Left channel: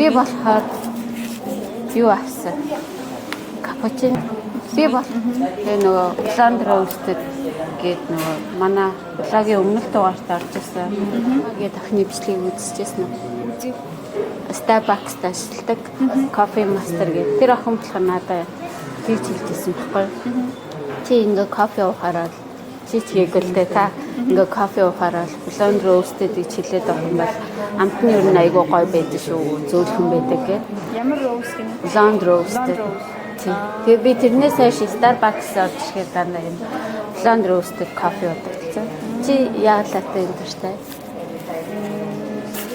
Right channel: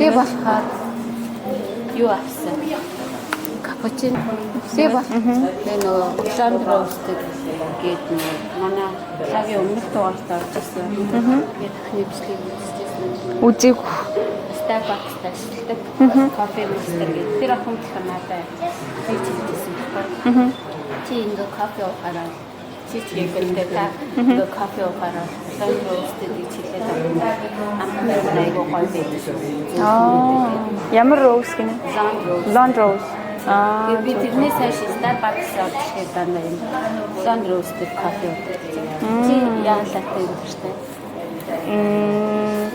Би болохоор юу авсан? Капучино. Би болохоор тэгээ нөгөө Blonde Roasted гэдэг нөгөө манай лагийн өмнөх дугаарт орж ирсэн. Тэгээд дахны бичлэгийг үзчихсэн. Үзег. Starbucks-д ажилладаг. Coffee Master гэдэг. Тэр охин болохоор надад хийж хэлжсэн байхгүй. Чи ингээ кофе уухаараа чи чиглэлтэй та ингээ кофе уухаараа Blonde Roasted гэж хэлээд байгаа юм байна. Амтны ер нь айгүй гоё байдаг шүү. Зөвхөн байдаг гэх. Ямар роуз гинэ? Blonde Roasted. Blonde Rose. Тэгээ би тэрнээс хойш Starbucks орж ирэхэд дандаа юм Blonde Roasted кофе уудаг. Чи яалаатай энэ төртэй?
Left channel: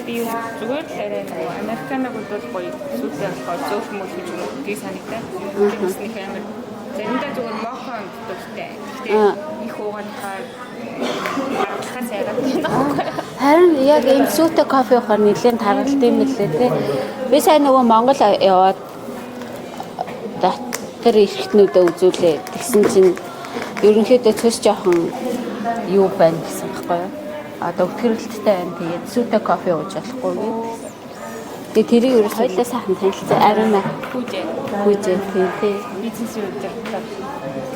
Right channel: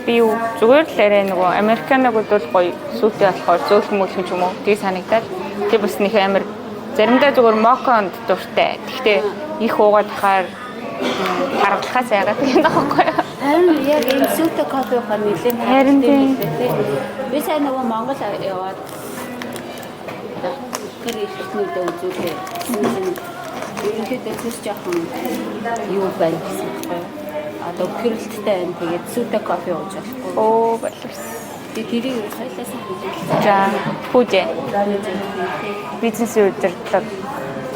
Би зүгээр л арай нөгөө американогуд бол гоё сүйтэй болохоор зөөлхөн мөлхөн ч юм уу тийг санагдаад би бас нэг амар заримдаа зүгээр моконд дуртай. Гэхдээ их уугаад хахаар харгалахаас яагаад гэх юм бэ? Харин яг энэ сүйтэй кофе ухаар нэлээд тааралт юм лээ тий. Би сайн нөгөө Монгол яваад тэр ихтнүүдээ үзүүлээ гэсэн чинь ерөнхийдөө цөс жоохон юу байна гэсэн байхгүй юу? Одоо гэрэлттэй байна. Тэгээд сүйтэй кофе ууж болохгүй. Оо боловс. Тэгээд тэрийг ерөөс хоёлаа сайхан танилцсан. Хүүжээ тий. Бизнесийн удирдлага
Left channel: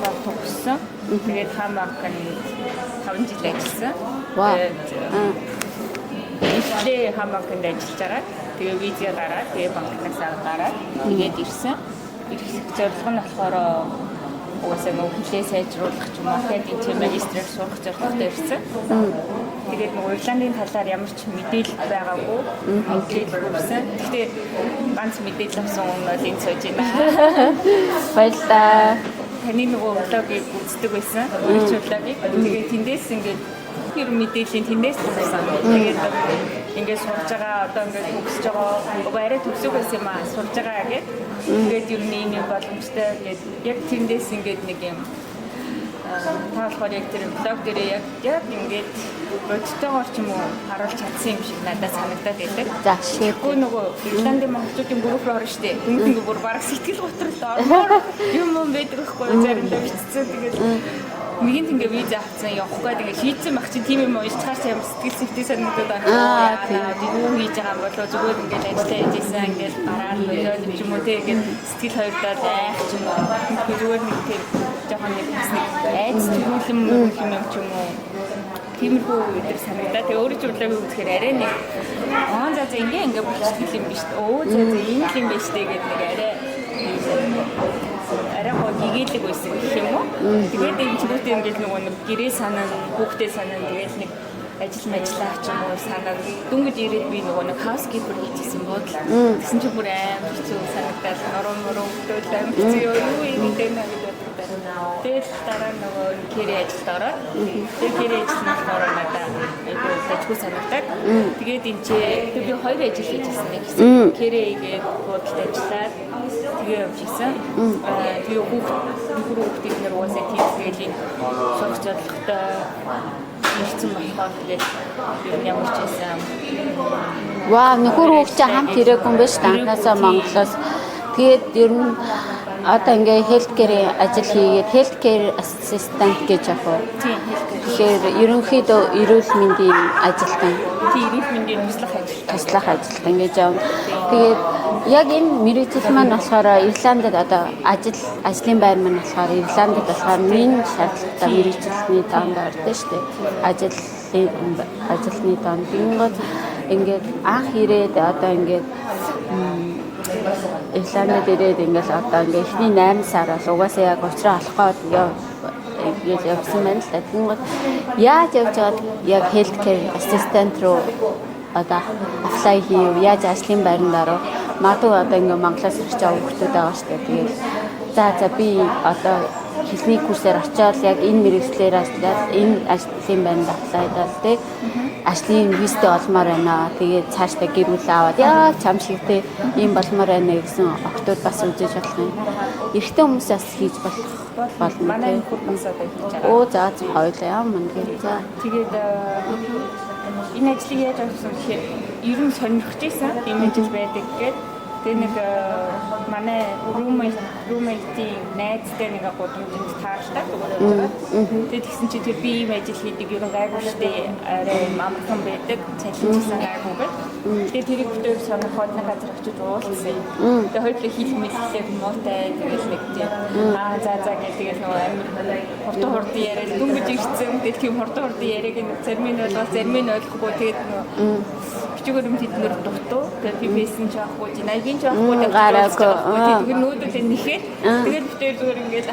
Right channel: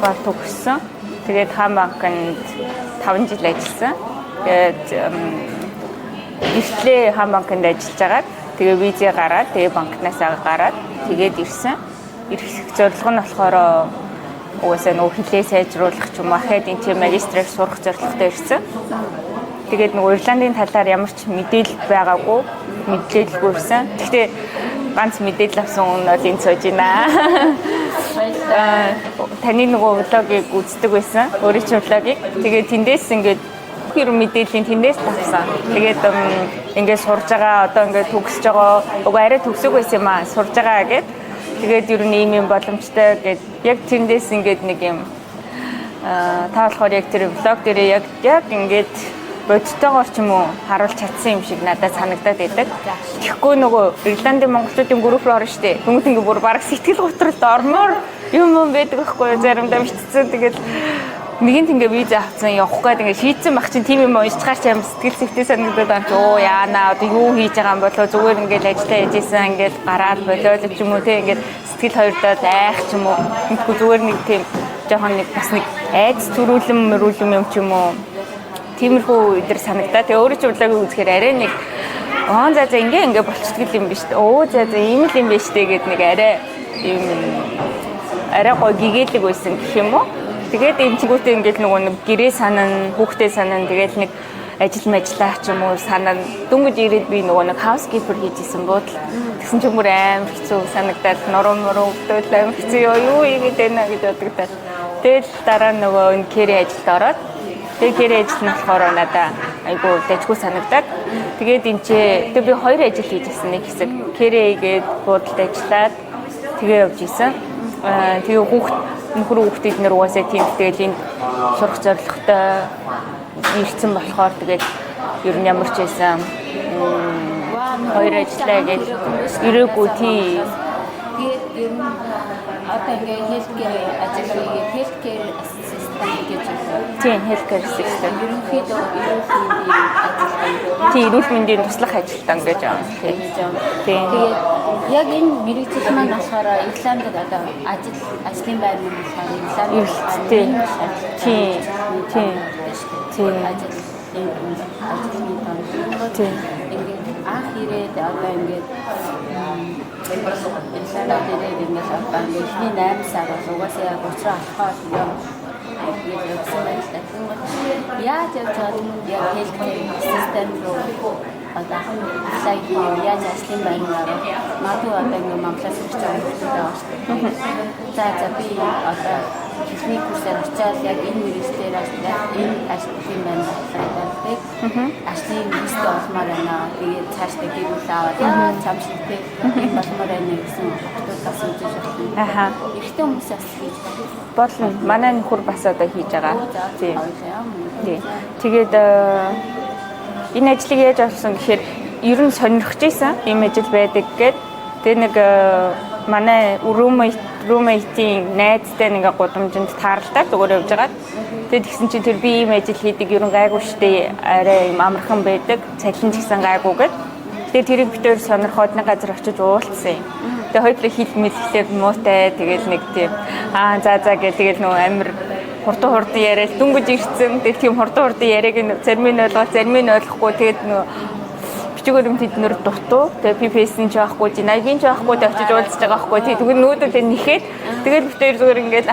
бол төгссөн. Тэгээд хаан банкнд 5 жил ажилласан. Тэгээд ихлээ хаан банкнд ажиллаж байгаа. Тэгээ визээ гараад, тэгээ банкнаас гараад тэгээд ирсэн. Ирэх зорилго нь болохоор угаасаа нөгөө хэлээ сайжруулах ч юм уу, академик магистрээр сурах зорилготой ирсэн. Тэгээд нөгөө Ирландын талаар ямар ч мэдээлэл байгаагүй, мэдээлэлгүй ирсэн. Гэхдээ ганц мэдээлэл авсан хүн бол энэ сууж байна. Баярлалаа. Таны нөгөө влогийг үздэг байсан. Өөрийн ч влогийг. Тэгээд тэндээс ингээд хэрэг мэдээллийн тэндээс тавьсан. Тэгээд ингээд сурж байгаа, одоо ингээд төгсөж байгаа. Уг арай төгсөг байсан юм аа. Сурж байгаа гэд. Тэгээд ер нь ийм боломжтой гэд яг тэндээс ингээд нэг юм та болохоор яг тэр влог дээрээ яг ингээд бодтойгоор ч юм уу харуулж чадсан юм шиг надад санагдаад байдаг. За, тэгэхгүй нөгөө Ирландын монголчуудын групп руу орно штэ. Тэнгүүд ингээ бүр бараг сэтгэл готролд ормоор юм байдаг байхгүй заримдаа мичсэн. Тэгээд нэгэнт ингээ виз авсан явах гээд ингээ шийдсэн баг чинь тийм юм уншчихаар ч юм сэтгэл зүйтэй санагдаад байна. Оо яана одоо юу хийж байгаа юм болоо зүгээр ингээ ажиллаа яжсэн ингээ гараад болоод ч юм уу те ингээ сэтгэл хоёрдоо зайх ч юм уу. Тэгэхгүй зүгээр нэг тийм жоохон нэг бас нэг айц төрүүлэн юм ч юм уу. Тиймэрхүү өдөр санагдаа. Тэгээ өөрөө ч урлагийг үзэхээр арай нэг за ингээ болчихдгийм юм биш үү? Оо за ийм л юм биш үү гэд нэг арай гоо гэгээлэг байсан гэх юм уу? Тэгээд эмчгүүтээ ингээд нөгөө нэг гэрээ санана, хүүхдээ санана, тэгээд нэг ажил мэжлаа ч юм уу санана. Дөнгөж ирээд би нөгөө нэг housekeeper хийжсэн буудал. Тэгсэн ч юмөр амар хэцүү санагдаад норон өвдөл амар хэцүү юу ийгээд байна гэж бодогдаад. Тэгээд дараа нөгөө энэ кэри ажилд ороод тэгээд кэри ажил нь болохоор надаа айгуу дэжгүй санагдаад. Тэгээд энэ тэгээ би 2 ажил хийжсэн нэг хэсэг. Кэри хийгээд буудалд ажиллаад тэгээ явж исэн. Тэгээ хүүхдүүд нэр угаасаа тийм тэгэл энэ сурах зорилготой ирсэн болохоор тэгээд ер нь ямар ч байсан вау нөхөр хүүхдээ хамт ирээгүй юм байна шүү дээ Монголоос. Тэгээд ер нь одоо ингээ healthcare ажил хийгээд healthcare assistant гэж яг уу. Тийм healthcare. Тэгээд ерөнхийдөө эрүүл мэндийн ажил байна. Тийм эрүүл мэндийн туслах ажилтаа ингэж байгаа. Тэгээд яг энэ мэргэжил маань болохоор Ирландд одоо ажлын байр маань болохоор Ирландд болохоор нэг шаардлагатай мэргэжилтний танд ордог шүү дээ. Ажлын танд. Ингээд анх ирээд одоо ингээд Ирландд ирээд ингээд одоо ингээд эхний 8 сараас угаасаа яг уучраа болохоо яг явсан байна л да. Тэнгод яаж явж байгаад яг healthcare assistant руу одоо apply хийв. Яаж ажлын байранд ороо. Магадгүй одоо ингээд Монголоос ирж байгаа хүмүүс байгаа шүү дээ. Тэгээд за би одоо хэлний курсээр очиод яг энэ мэргэжлээр энэ ажлын байранд apply хийдэг. Ажлын визтэй олмоор байна. Тэгээд цаашдаа гэр бүл аваад яа чам шигтэй ийм болмоор байна гэсэн октод бас үжиж байна. Эрэгтэй хүмүүсээс хийж бол манай нөхөр бас одоо хийж байгаа. Оо за хоёлаа юм. Тэгээд энэ ажлыг яаж авсан гэхээр ер нь сонирхож байсан ийм ажил байдаг гэд. Тэгээ нэг манай roommate-ийн найзтай нэг гудамжинд таарлаа зүгээр явж байгаа. Тэгээд тэгсэн чинь тэр би ийм ажил хийдэг ер нь гайгүй штэ арай юм амархан байдаг. Цалин ч гэсэн гайгүй гэд. Тэгээ тэрийг битээр сонирхоод нэг газар очиж уулзсан юм. Тэгээ хоёулаа хил мэлхлээр муутай тэгэл нэг тийм за гэх тэгэл нөгөө амир хурдан яриад дүнгэж ирсэн. Тэгээ тийм хурдан яриаг зарим нь ойлгоод зарим нь ойлгохгүй тэгээд нөгөө бичгээр юм тэднэр дутуу. Тэгээ PPS нь жаахгүй, Jinai-ийн жаахгүй тавьж уулзж байгаа байхгүй. Тэгвэл нүүдэлээ нэхэд тэгэл битээр зүгээр ингээд за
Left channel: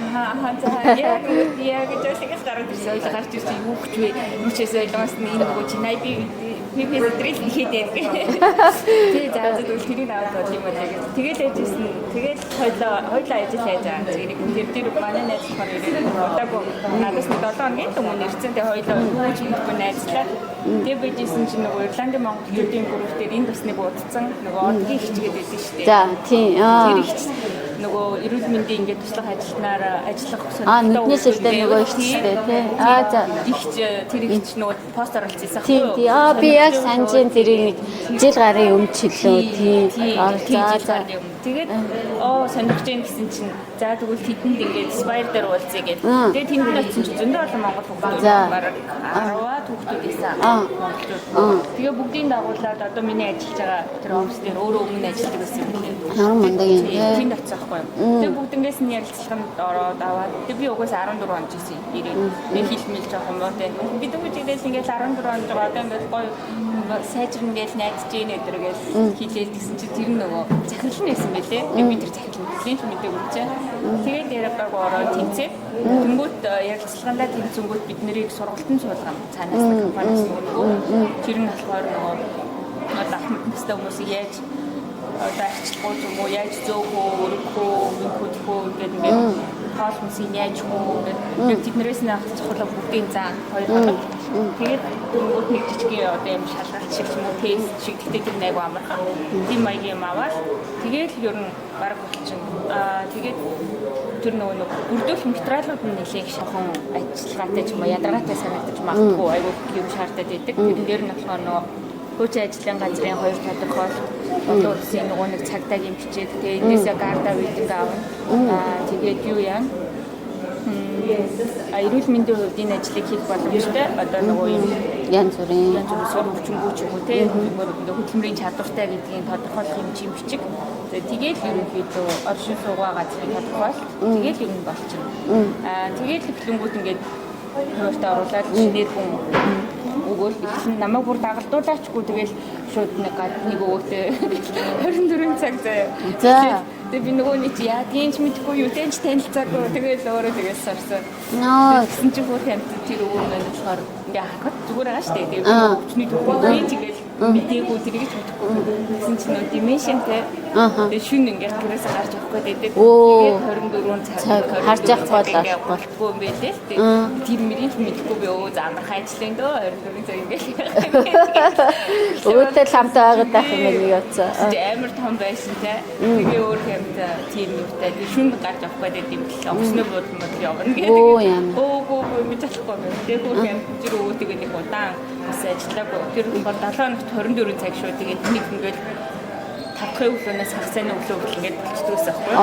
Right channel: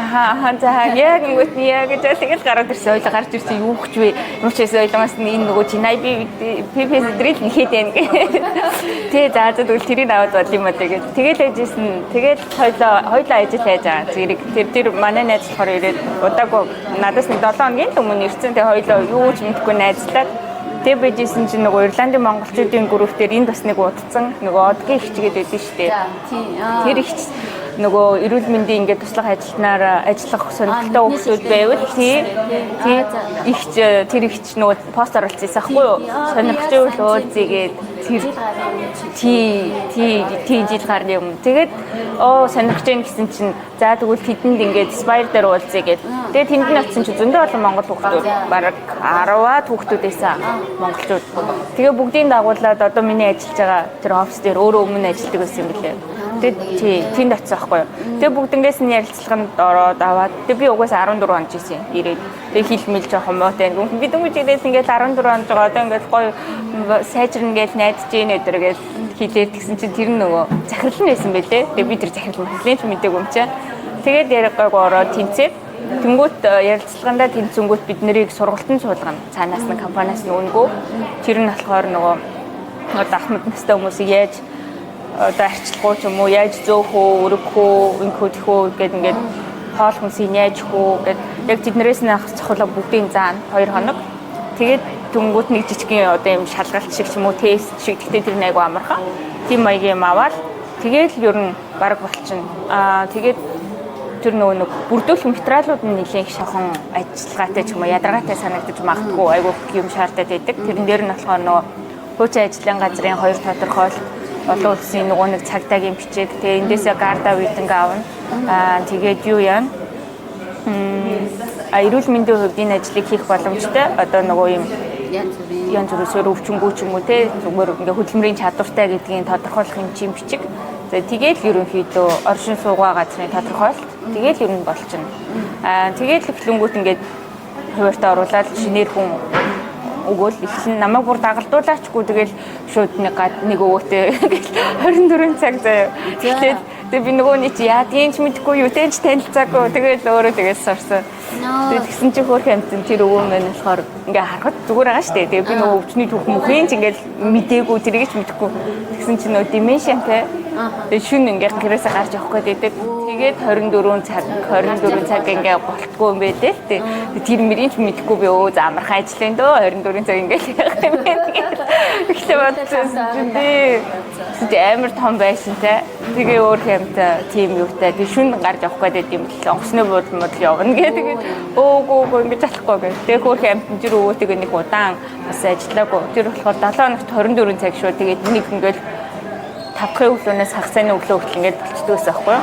яг ингэж тэгэл гараад ирсэн. Ойлоо гарч ирсэн юу гэж вэ? Юу ч гэсэн ойлгоомас нь энэ нөгөө Jinai-ийн PPS дрил нэхэд байна гэх. Тэгээ за тэгвэл тэрийг аваад бод юм аа тэгээд тэгэл яжсэн. Тэгэл хоёлоо ажил хийж байгаа. Зэрэг тэр манай найз болохоор ирээд удаагүй надаас 7 хоногийн өмнө ирсэн. Тэгээ хоёлоо юу ч мэдэхгүй найзлаад тэг bijсэн чинь нөгөө Ирландын монголчуудын группээр энд бас нэг удацсан нөгөө одгийн хичгээд байдсан шүү дээ. За тийм. Тэр их нөгөө эрүүл мэндийн ингээд туслах ажиллах сонирхолтой хүмүүс байвал тэгээд тэр ихч нөгөө пост оруулчихсан байхгүй юу? Би яг санджийн тэрийг жил гарын өмнө чиглээ. Тийм жил гарын өмнө. Тэгээд сонирхож гэн гэсэн чинь за тэгвэл тэдэнд ингээд Spire дээр уулзъя гэдэг. Тэгээд тэнд нь очсон чинь зөндөө олон монгол хүмүүс бараг 10-аад хүүхдүүд байсан монголчууд. Тэгээ бүгдийн дагуулад одоо миний ажиллаж байгаа тэр офис дээр өөрөө өмнө ажилладаг байсан юм лээ. Тэгээд тэнд очсон байхгүй юу? Тэгээ бүгднгээс нь ярилцлаганд ороод аваад тэгээ би угаасаа 14 онд жисэн ирээд би хилмэл жоохон муутай би дөнгөж ирээс ингээд 14 онд байгаа одоо ингээд гоё сайжрна гэж найдаж ийн өдөр гэж хэлээд тэгсэн чинь тэр нөгөө захирал нь байсан байлээ. Тэгээ би тэр захирал нь хэлээд мэдээгүй юм чаа. Тэгээд яригаг ороод тэнцээд тэнгуут ярилцлагандаа тэнцэнгүүт бид нарыг сургалтын суулгана. Цаанаас нь компаниас нь өнгөө. Тэр нь болохоор нөгөө одоо ахмад настай хүмүүсийг яаж одоо арчлахгүй ч юм уу яаж зөөх үү, өргөх үү, ингэхүү тэхүү гэдэг ингээд хоол хүнсийг яаж хөө гэдэг яг тэднэрээс нь цохолоо бүгдийн заана 2 хоног. Тэгээд дүнгууд нэг жижигхэн одоо юм шалгалт шиг ч юм уу тест шиг тэгтээ тэр айгу амархан. Тийм маягийн юм аваад тэгээд ер нь баг болчихно. Тэгээд тэр нөгөө бүрдүүлэх материалууд нь нэлээд их шохон ажиллагаатай ч юм уу ядаргаатай санагдаж магадгүй айгу юм шаардаад байдаг. Тэрэн дээр нь болохоор нөгөө хуучин ажлын газрын 2 тодорхойлолт болоо үлсэн нөгөө нэг цагдаагийн бичиг тэгээ эндээсээ гарда үйдэнг аавна. Тэгээд юу яа? Эрүүл мэндийн хувьд энэ ажлыг хийх боломжтой. Одоо нөгөө юм янз бүрийн сөр өвчмгүй ч юм уу те зүгээр ингээ хөдөлмөрийн чадвартай гэдгийг тодорхойлох юм чим бичиг. За тэгээд ерөнхийдөө оршин суугаа газрын тодорхойлолт тэгээд ер нь болчихно. Тэгээд эхлэнгүүт ингээд хуваарьтаа оруулаад шинээр хүн өгөөл ихсэн намайг бүр дагалдуулаачгүй тэгэл шууд нэг өвөтэй 24 цаг заяа. Тэгээд би нөгөөний чи яадгийн ч мэдгүй юу тэнч танилцаагүй тэгэл өөрөө тэгэл сурсан. Тэгсэн чи хөөх амтэн тэр өвөө маань болохоор ингээ харахад зүгээр байгаа штэ. Тэгээд би нөгөө өвчний түүхэн ч ингээл мдээгүй тэрийг ч мэдэхгүй. Тэгсэн чи нөгөө дименшнтэй. Тэгээд шүн ингээ гэрээсээ гарч явах гээд байдаг. Тэгээд 24 цаг ингээ болтгоо юм байлээ л тээ. Тэр мөрийн ч мэдэхгүй би өө за амархан ажиллаа дөө 24 цаг ингээл явах юм гээд. Өөртөө хамтаа байгаа юм яцсан. Амар том байшинтай. Тэгээ өөр хэмтэй тийм юутай. Би шүн гарч явах гээд юм л онгоцны буудлын явна гэдэг. Өөөгөө ингэж болохгүй гэх. Тэгээ өөр хэмтэн тэр өвөтэйг нэг удаан бас ажиллаагүй. Тэр болохоор 7 хоногт 24 цаг шүү. Тэгээд нэг ингээл 5 өглөөнөөс хагас цайны өглөө хүртэл ингээд болчихдгоос байхгүй юу?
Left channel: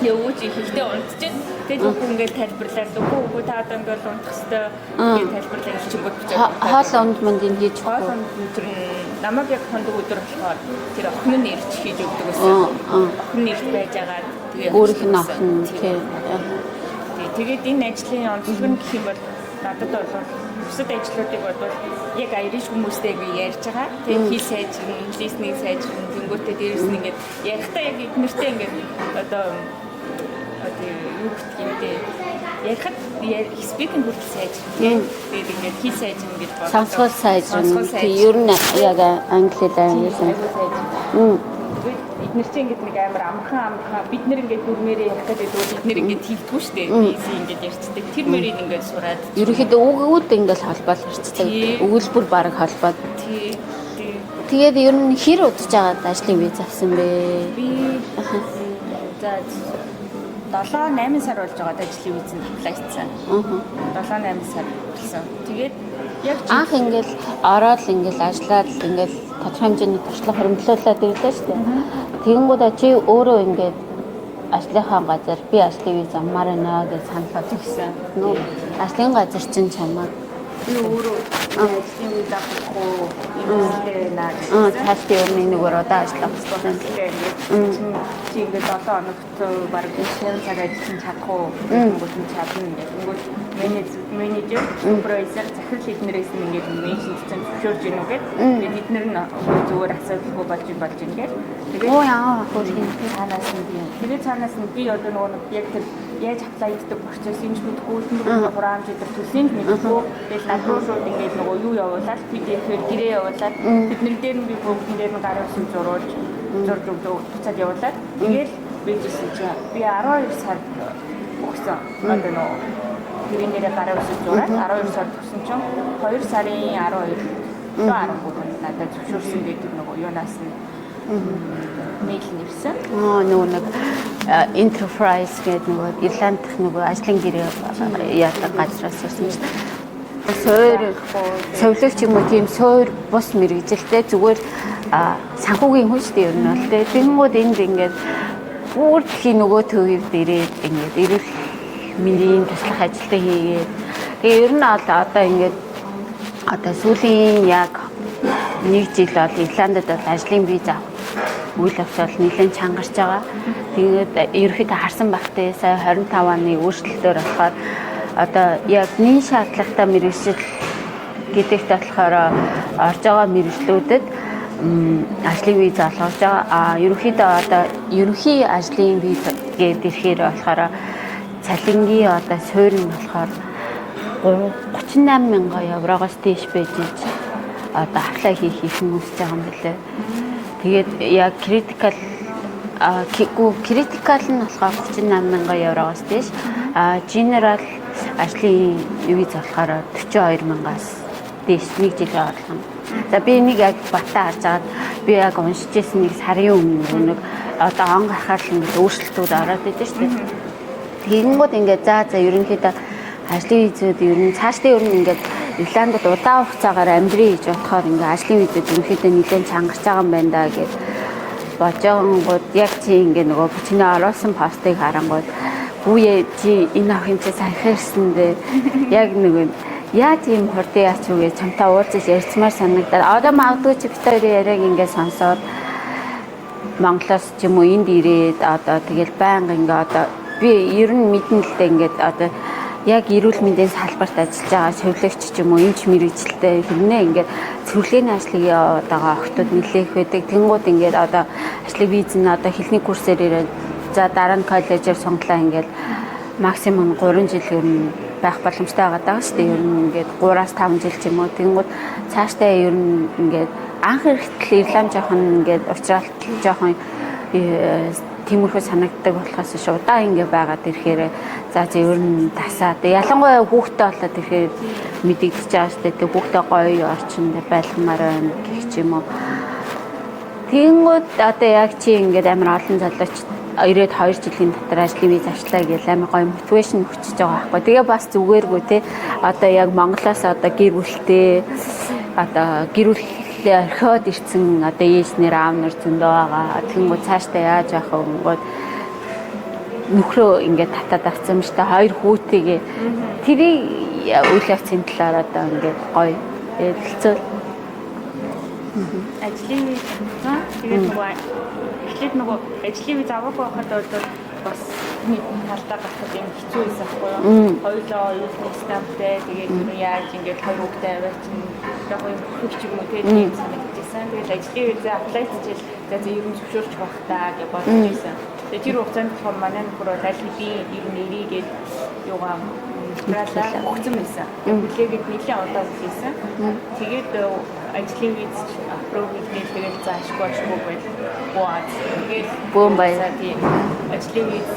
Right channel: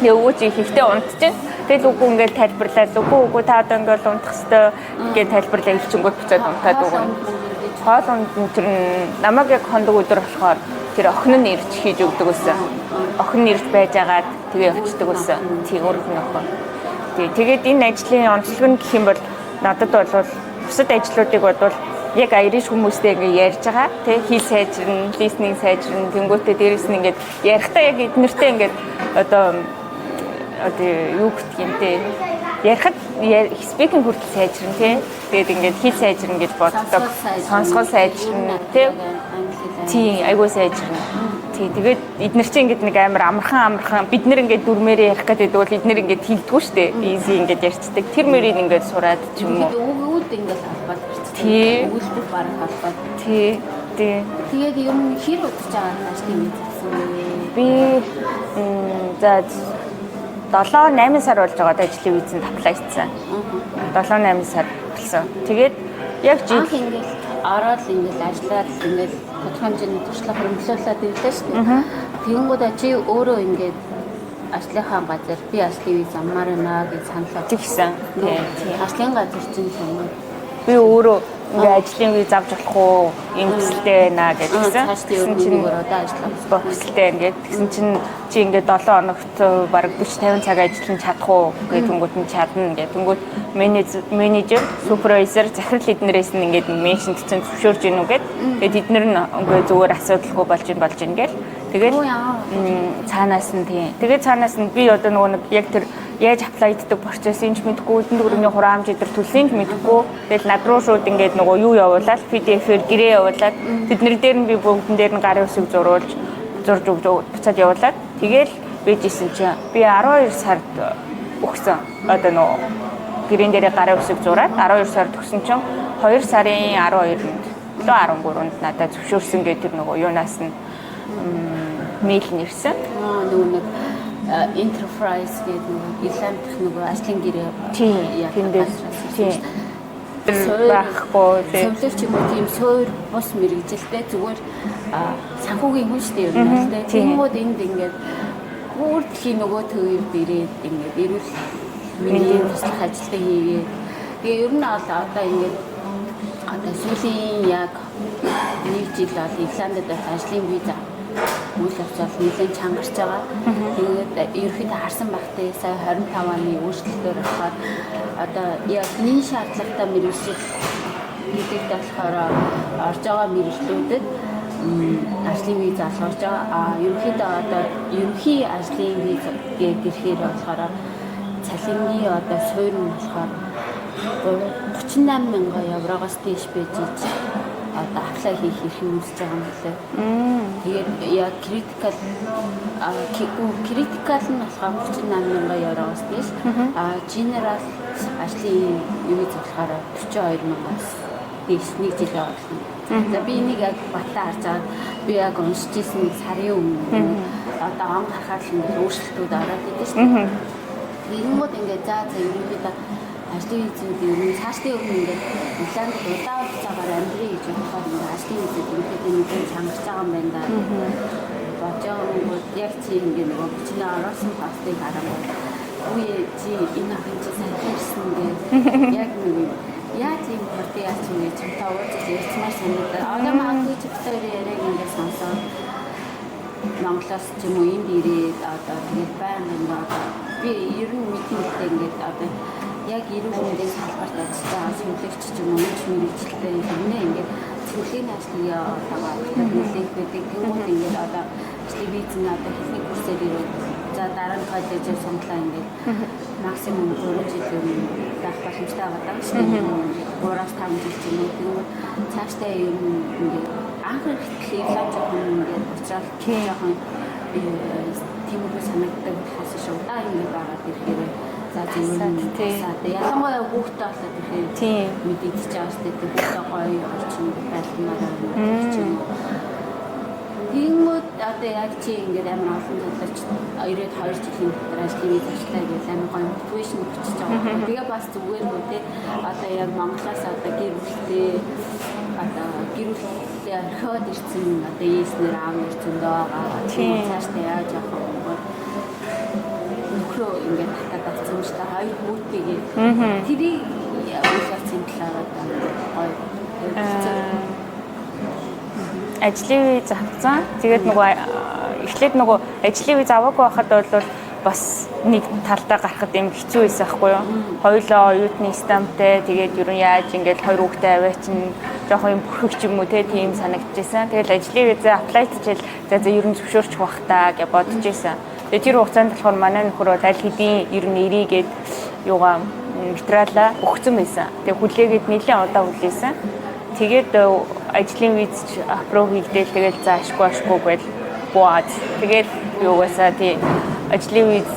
Тэгээ өвөө чи ихтэй унтчихээн. Тэгээд үгүй ингээд тайлбарлаад үгүй та одоо ингээд унтах хэвээр ингээд тайлбарлаа илчингүүт буцаад унтаад. Хоол унд мандын хийж хоол унд тэр намайг яг хондог өдөр болохоор тэр охин нь ирж хийж өгдөг гэсэн. Охин нь ирж байж агаад тэгээ өгдөг гэсэн. Тийм тэгээд энэ ажлын онцлог нь гэх юм бол надад бол бусад ажлуудыг бодвол яг Irish хүмүүстэй ингэ ярьж байгаа. Тэгээ хэл сайжрна, listening сайжрна, тэнгуүтээ дээрэс нь ингэ ярихдаа яг эднэртэй ингэ одоо юу гэх юм те ярихад speaking хүртэл сайжрна тий. Тэгээд ингээд хэл сайжрна гэж боддог. Сонсгол сайжрна. Ер нь яг англиар. Тий, айгуу сайжрна. Тий, тэгээд эднэр чинь ингээд нэг амар амархан бид нэр ингээд дүрмээрээ ярих гэдэг бол эднэр ингээд хилдэггүй шүү дээ. Easy ингээд ярьцдаг. Тэр мөрийг ингээд сураад. Ерөнхийдөө үгүүд ингээд холбоол ярьцдаг. Өгүүлбэр бараг холбоод. Тий. Тэгээд ер нь хэр удаж байгаа ажлын виз авсан бэ? Би за 7-8 сар болж байгаа ажлын визэнд аплай хийсэн. 7-8 сар болсон. Тэгээд яг анх ингээл ороод ингээл ажиллаад ингээл тодорхой хэмжээний туршлага хөрөнгөлүүлээд ирлээ шүү дээ. Тэгэнгүүтээ чи өөрөө ингээд ажлынхаа газар би ажлын виз амаар байна гэж саналаа тэгсэн. Ажлын газар чинь чамаа Би өөрөө ингээ ажлын виз авч чадах уу? Ийм төсөлтэй байна гэдэгсэн. Цаашдын өрний нүгээр одоо ажиллах төсөлтэй ингээд чинь чи ингээд 7 хоногт бараг 40-50 цаг ажиллаж чадах уу? Гэнгүүт нь чадна гэдэг. Тэнгүүт менежер, супервайзер захирал эднэрээс нь ингээд меншинт чинь зөвшөөрж гинүү гэд. Тэгээд эднэр нь ингээд зүгээр асуудалгүй болж ин гэл. Тэгээд цаанаас нь тийм. Тэгээд цаанаас нь би одоо нөгөө нэг яг тэр яаж аплай хийдэг процессыг мэдгүй, эдэн дөрөвний хураамж идэр төлсийг мэдгүй. Тэгэл над руу шууд ингээд нөгөө юу явуулаад PDF-ээр гэрээ явуулаад тэднэр дээр нь би бүгдэн дээр нь гарын үсэг зурж өгч буцаад явуулаад тэгэл бийжсэн чи би 12 сард өгсөн. Одоо нөгөө гэрэн дээр гарын үсэг зураад 12 сард өгсөн чинь 2 сарын 12-нд 13-нд надад зөвшөөрсөн гэдэг нөгөө юунаас нь мэйл нэрсэн. Нөгөө нэг enterprise гэдэг нөгөө Ирланд дах нөгөө ажлын гэрээ яадаг газраас ирсэн. Совлогч юм уу тийм суур бус мэрэгжилтэй зүгээр санхүүгийн хүн шүү дээ ер нь бол тэ. Тэнгүүд энд ингээд бүр дэлхийн нөгөө төвд ирээд ингээд ирэх миний туслах ажилтаа хийгээд тэгээ ер нь одоо ингээд одоо сүүлийн яг 1 жил бол Ирландд бол ажлын виз үйл явцал нэлээд чангарч байгаа. Тэгээд ерөөхдөө харсан багтээ сая 25 оны өөрчлөлтөөр болохоор одоо яг нийт шаардлагатай мэргэжил гэдэгт болохоор орж байгаа мэргэжлүүдэд ажлын виз олгож байгаа. Ерөөхдөө одоо ерөнхий ажлын виз гэдэг ирэхээр болохоор цалингийн одоо суурь нь болохоор 38,000 евроогоос дээш байж одоо аплай хийх хүсэж байгаа юм билээ. Тэгээд яг критикал нь болохоор 38,000 евроогоос дээш. Генерал ажлын виз болохоор 42,000-аас дээш 1 жилийн орлого. За би нэг яг батаа харж агаад би яг уншиж ирсэн нэг сарын өмнө одоо он гарахаар л ингээд өөрчлөлтүүд ороод идэв шүү дээ. Тэгэнгүүт ингээд за ерөнхийдөө ажлын визүүд ер нь цаашдын ер нь ингээд Ирландд удаан хугацаагаар амьдрий гэж бодохоор ингээд ажлын визүүд ерөнхийдөө нэлээд чангарч байгаа юм байна да гэж бодонгууд яг чи ингээд нөгөө чиний оруулсан постыг харангууд хүүе чи энэ ах юм чи сайн хэрсэн дээ яг нөгөө яа тийм хурдан яач үгээ чамтай уулзаж ярьцмаар санагдаад одоо магадгүй чи битээр яриаг ингээд сонсоод Монголоос ч юм уу энд ирээд одоо тэгэл байнга ингээд одоо би ер нь мэдэн л дээ ингээд одоо яг эрүүл мэндийн салбарт ажиллаж байгаа совилогч ч юм уу энэ ч мэрэгжилтэй хэрнээ ингээд цэвэрлэгийн ажлыг яваад байгаа охтууд нэлээх байдаг. Тэнгууд ингээд одоо ажлын виз нь одоо хэлний курсээр ирээд за дараа нь коллежээр сонглоо ингээд максимум 3 жил ер нь байх боломжтой байгаа даа шүү дээ. Ингээд 3-5 жил ч юм уу. Тэнгууд цаашдаа ер нь ингээд анх эрэхтэл Ирланд жоохон ингээд уучраалт жоохон тиймэрхүү санагддаг болохоос ш удаан ингээ байгаад ирэхээр за зөвөр нь тасаад ялангуяа хүүхдтэй болоод ирэхээр мэдэгдэж байгаа шүү дээ. Хүүхдтэй гоё орчинд байлгамаар байна гэх юм уу. Тэнгүүд одоо яг чи ингээд амар олон залууч ирээд 2 жилийн дотор ажлын виз авчлаа гэж амар гоё мотивашн өгчөж байгаа байхгүй. Тэгээ бас зүгээргүй те одоо яг Монголоос одоо гэр бүлтэй одоо гэр бүл орхиод ирсэн одоо ээснэр аав нар зөндөө байгаа. Тэнгүү цаашдаа яаж явах вэ гингод нөхрөө ингээд татаад авсан юм шүү дээ. 2 хүүтэйгээ тэрийг үйл явцын талаар одоо ингээд гоё хэлцээ. Ажлын виз авсан. Тэгээд нөгөө эхлээд нөгөө ажлын виз аваагүй байхад бол бас нэг талдаа гарахад юм хэцүү байсан байхгүй юу? Хоёулаа оюутны стамптай тэгээд ер нь яаж ингээд 2 хүүхдээ аваачин жоохон юм бүрхэг ч юм уу тийм санагдчихсан. Тэгээд ажлын визээ аплай хийчихэл за ер нь зөвшөөрчих бах таа гэж бодож ирсэн. Тэгээд тэр хугацаанд болохоор манай нөхөр аль хэдийн ер нь ирээгээд юугаа материалаа өгсөн байсан. Тэгээд хүлээгээд нэлээд удаа хүлээсэн. Тэгээд ажлын виз аппров хийгээл тэгээд заашгүй гэж бод. Тэгээд бөөсөө тий ажлын виз